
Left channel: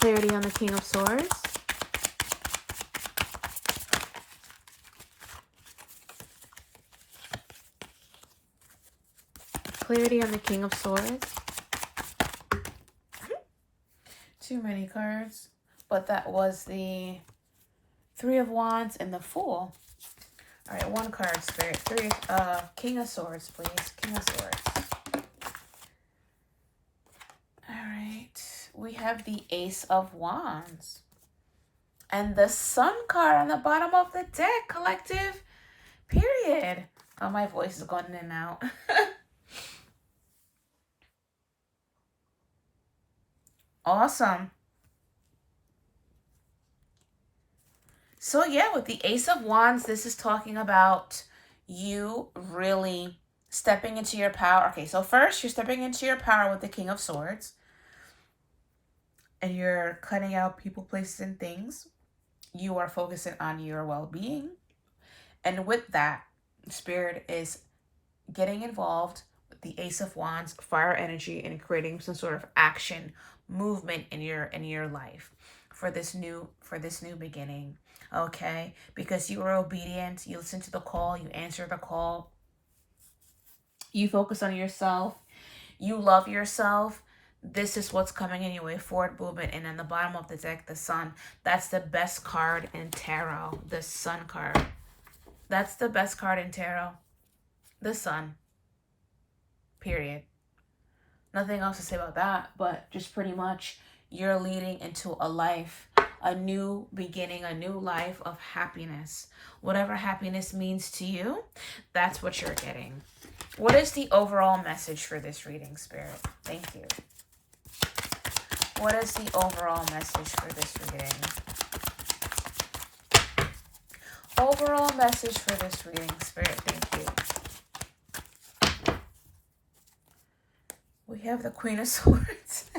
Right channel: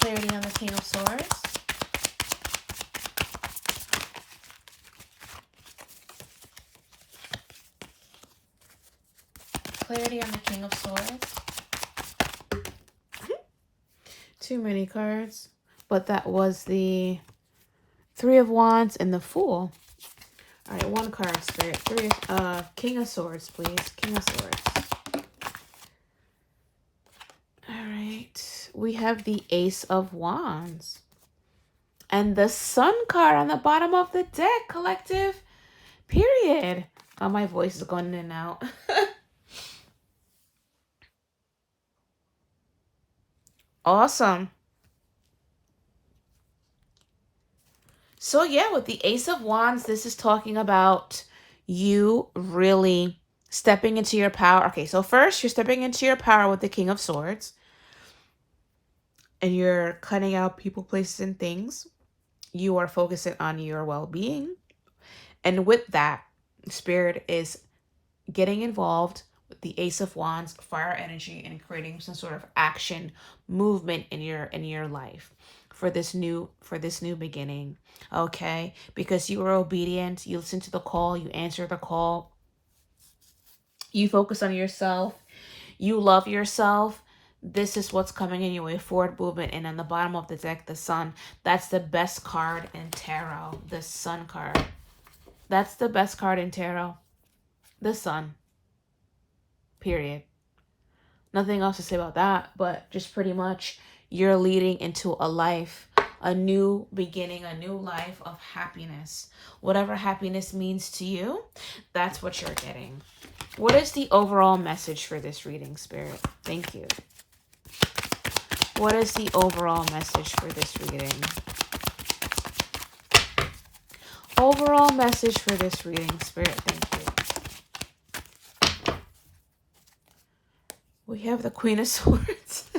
Clarity on the King of Swords. Clarity on the King of Swords. Too many cards. But that was the Three of Wands and the Fool. All right, one card, Spirit. King of Swords, please. King of Swords. All right. We have the Ace of Wands. And the Sun card on the bottom of the deck, collective. Period. Oh, my voice is going in and out. Awesome. So yeah, with the Ace of Wands, this is talking about you really stepping into your power. Okay, so first you're stepping into your power with the King of Swords. And you're cutting out people, places, and things. You are focusing on your well-being. And with that, Spirit is getting involved with the Ace of Wands, fire energy, and creating some sort of action movement in your life. for this new beginning. Okay? Because you were obedient, you listened to the call, you answered the call, you focus on yourself, you love yourself. This is what's coming in your way, forward movement. And on the bottom of the deck, the sun. That's the best card in tarot, the sun card. That's the best card in tarot, the sun. Period. Nothing else to say about that, but just pretty much you're leading into a life, a new beginning, a new life of happiness. Whatever happiness means to you, that's what you're getting. What is the overall message for this reading, Spirit? Thank you. What is the overall message for this reading? Overall message for this reading, Spirit. Thank you. We have the Queen of Swords.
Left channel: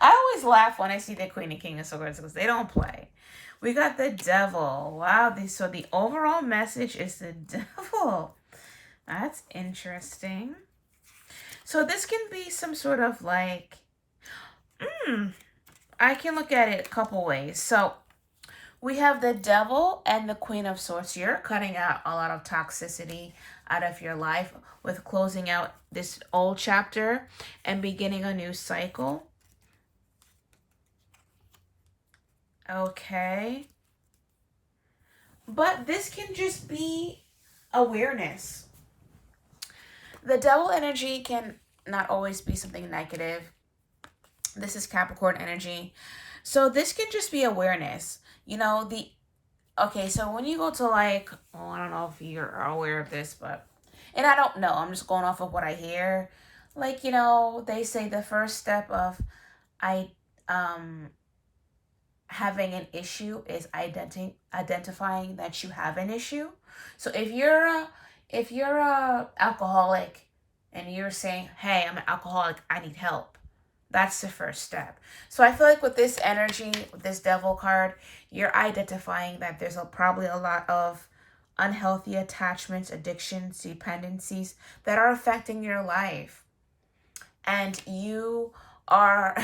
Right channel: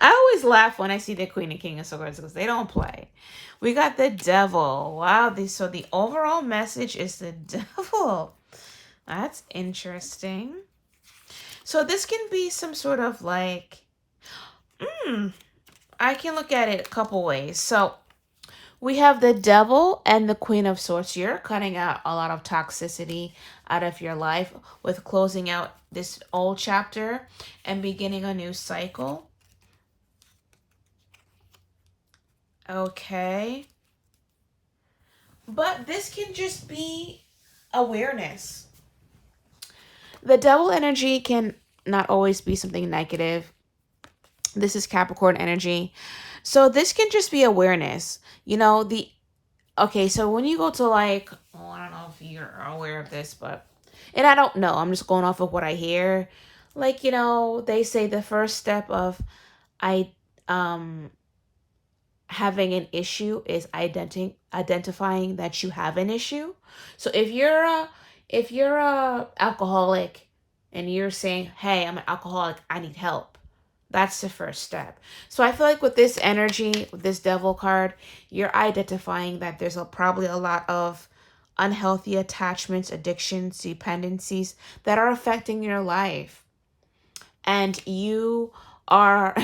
I always laugh when I see the Queen and King of Swords because they don't play. We got the Devil. Wow. So the overall message is the Devil. That's interesting. So this can be some sort of like, I can look at it a couple ways. So we have the Devil and the Queen of Swords. You're cutting out a lot of toxicity out of your life with closing out this old chapter and beginning a new cycle. Okay. But this can just be awareness. The Devil energy can not always be something negative. This is Capricorn energy. So this can just be awareness. You know, okay, so when you go to like, oh, I don't know if you're aware of this, but, and I don't know, I'm just going off of what I hear. Like, you know, they say the first step of having an issue is identifying that you have an issue. So if you're a alcoholic and you're saying, hey, I'm an alcoholic, I need help, that's the first step. So I feel like with this energy, with this Devil card, you're identifying that there's probably a lot of unhealthy attachments, addictions, dependencies that are affecting your life. And you are...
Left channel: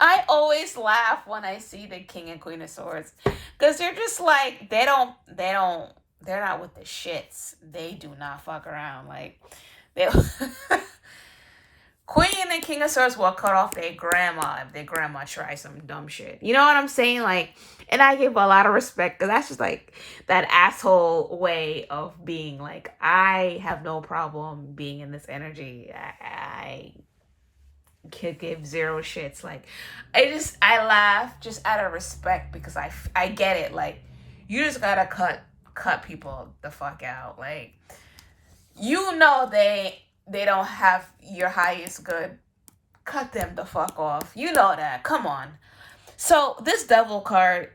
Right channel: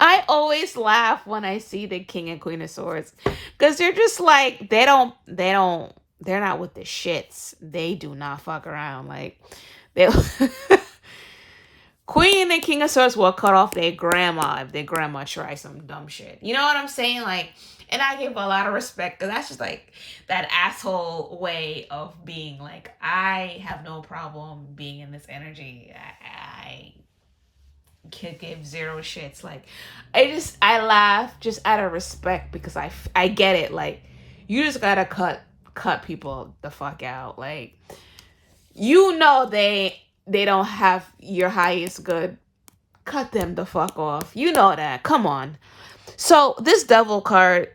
I always laugh when I see the King and Queen of Swords because they're just like, they're not with the shits. They do not fuck around. Like, they... Queen and King of Swords will cut off their grandma if their grandma tries some dumb shit. You know what I'm saying? Like, and I give a lot of respect because that's just like that asshole way of being. Like, I have no problem being in this energy. I could give zero shits. Like, I laugh just out of respect because I get it. Like, you just gotta cut people the fuck out. Like, you know they don't have your highest good. Cut them the fuck off. You know that. Come on. So this Devil card,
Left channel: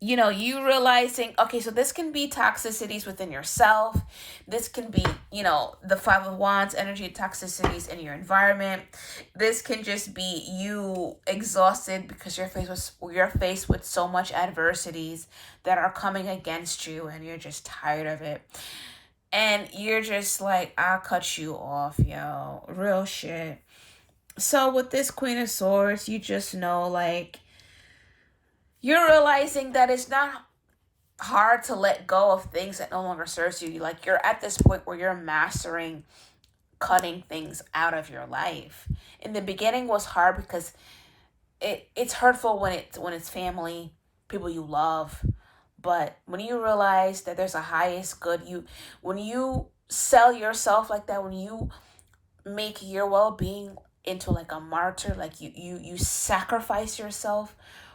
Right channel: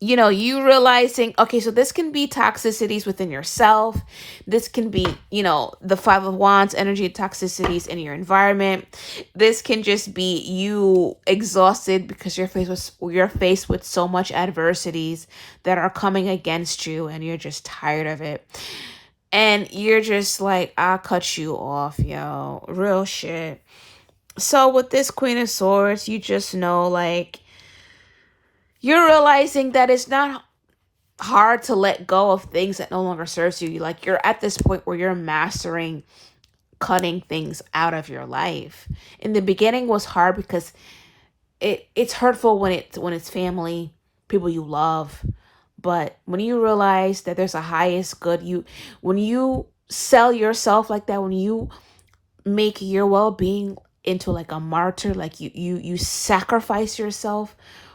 you know, you realizing, okay, so this can be toxicities within yourself. This can be, you know, the Five of Wands energy toxicities in your environment. This can just be you exhausted because you're faced with so much adversities that are coming against you and you're just tired of it. And you're just like, I'll cut you off, yo. Real shit. So with this Queen of Swords, you just know, like, you're realizing that it's not hard to let go of things that no longer serves you. Like, you're at this point where you're mastering cutting things out of your life. In the beginning was hard because it's hurtful when it's family, people you love. But when you realize that there's a highest good, when you sell yourself like that, when you make your well-being into like a martyr, like you sacrifice yourself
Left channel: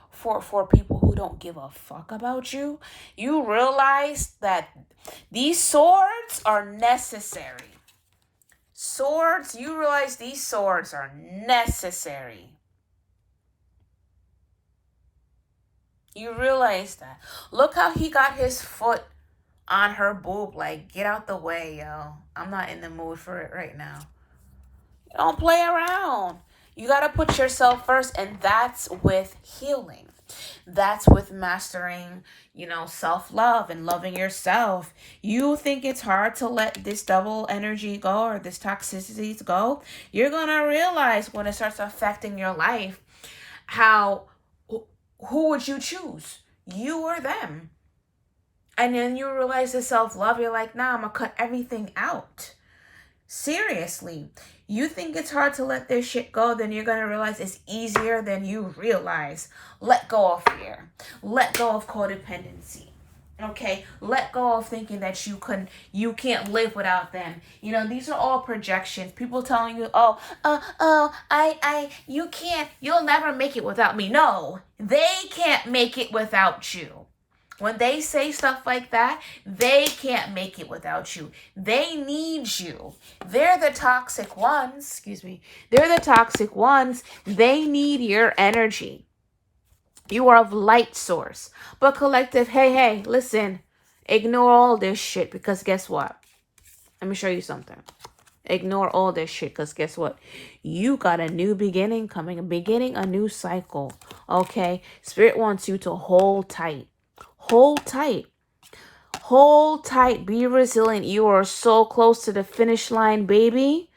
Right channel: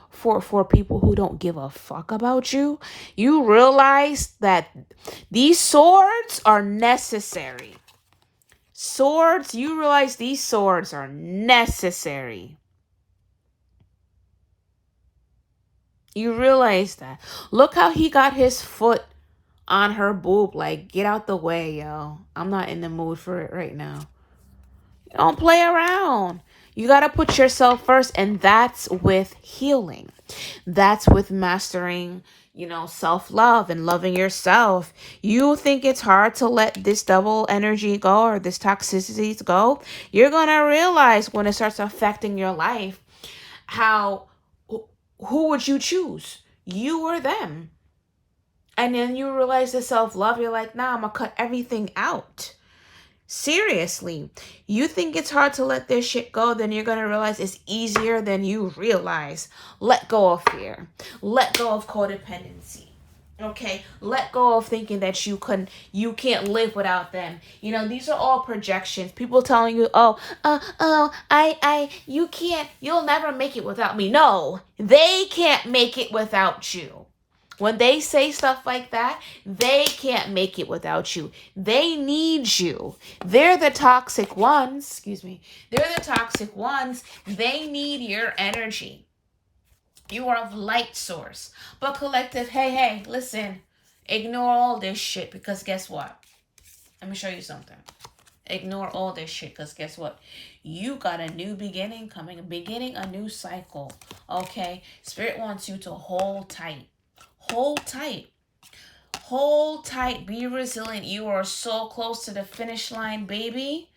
for people who don't give a fuck about you, you realize that these swords are necessary. You realize these swords are necessary. You realize that. Look how he got his foot on her boob. Like, get out the way, yo. I'm not in the mood for it right now. Don't play around. You got to put yourself first, and that's with healing. That's with mastering, self-love and loving yourself. You think it's hard to let this double energy go or this toxicities go? You're going to realize when it starts affecting your life how who would you choose? You or them? And then you realize the self-love, you're like, nah, I'm going to cut everything out. Seriously, you think it's hard to let this shit go, then you're going to realize it's easier than you realize. Let go of fear. Let go of codependency. Okay, let go of thinking that you can't live without them. These are all projections. People telling you, you'll never make it without me. No, they can't make it without you. When they say stuff like that, they can't make it without you. They need you. They're the toxic ones. Excuse me. They're the toxic ones. They need your energy. You are of light source. But collective, hey, listen. Ignore all this shit because guess what? Let me show you something. Ignore all this shit because guess what? You got a new beginning coming. Beginning a new cycle. Okay? Spirit wants you to hold tight. Hold tight. Hold tight. Be resilient. You are so close to the finish line, baby.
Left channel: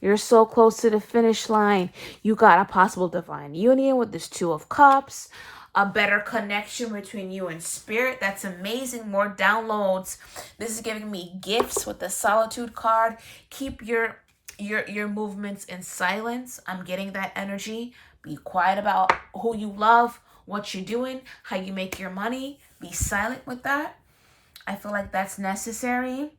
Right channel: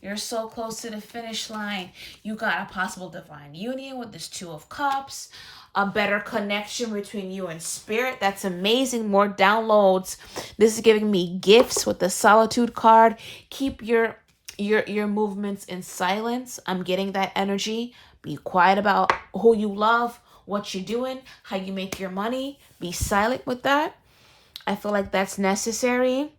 You're so close to the finish line. You got a possible divine union with this Two of Cups. A better connection between you and spirit. That's amazing. More downloads. This is giving me gifts with the Solitude card. Keep your movements in silence. I'm getting that energy. Be quiet about who you love, what you're doing, how you make your money. Be silent with that. I feel like that's necessary.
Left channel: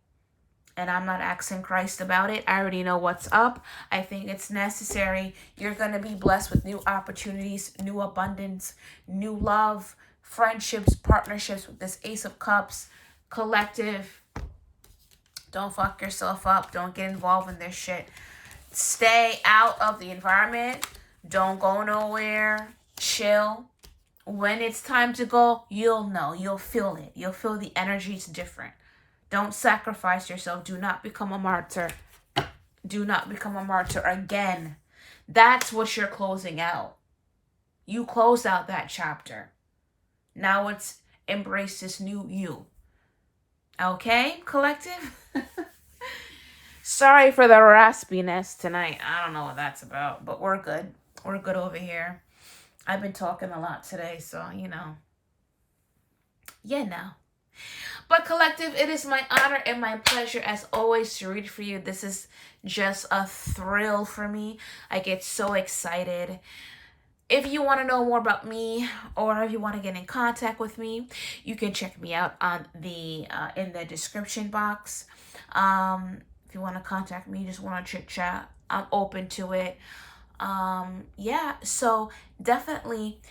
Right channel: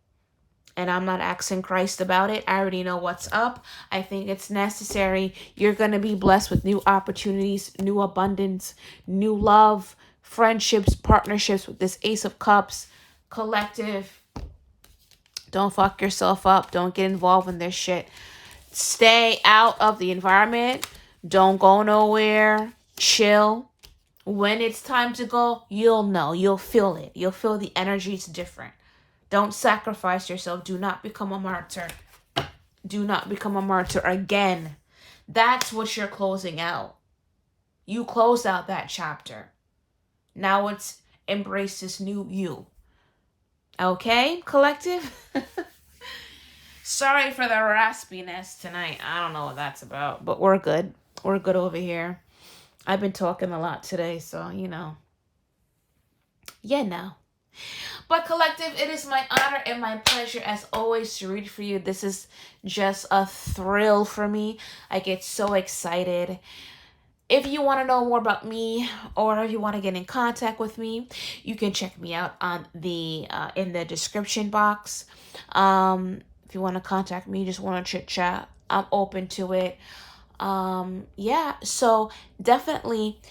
And I'm not asking Christ about it. I already know what's up. I think it's necessary. You're going to be blessed with new opportunities, new abundance, new love, friendships, partnerships with this Ace of Cups. Collective. Don't fuck yourself up. Don't get involved in this shit. Stay out of the environment. Don't go nowhere. Chill. When it's time to go, you'll know. You'll feel it. You'll feel the energy is different. Don't sacrifice yourself. Do not become a martyr. Do not become a martyr again. That's what you're closing out. You closed out that chapter. Now it's embrace this new you. Okay, collective? Sorry for the raspiness tonight. I don't know what that's about, but we're good. We're good over here. I've been talking a lot today, so, But collective, it is my honor and my pleasure as always to read for you. This is just a thrill for me. I get so excited. If you want to know more about me or if you want to get in contact with me, you can check me out on the in the description box. If you want to contact me, just want to chit chat, I'm open to it. So definitely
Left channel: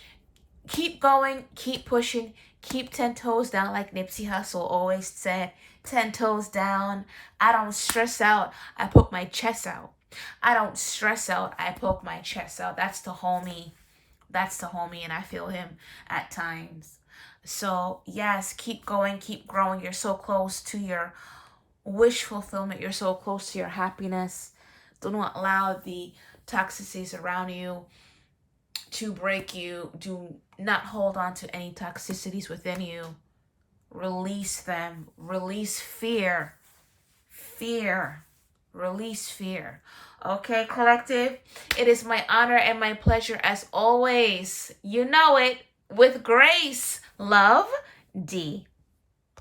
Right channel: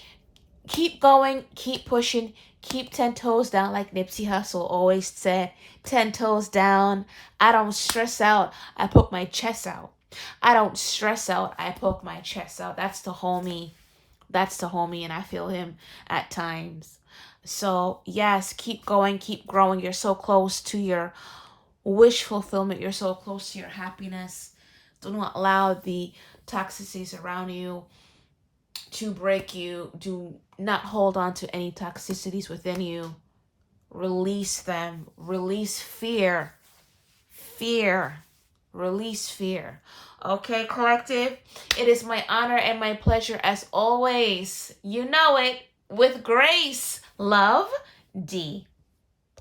keep going, keep pushing. Keep 10 toes down like Nipsey Hussle always said. 10 toes down. I don't stress out. I poke my chest out. I don't stress out. I poke my chest out. That's the homie. That's the homie, and I feel him at times. So, yes, keep going, keep growing. You're so close to your wish fulfillment. You're so close to your happiness. Do not allow the toxicities around you to break you. Do not hold on to any toxicities within you. Release them. Release fear. Release fear. Okay, collective? It is my honor and my pleasure as always. You know it. With grace. Love, D.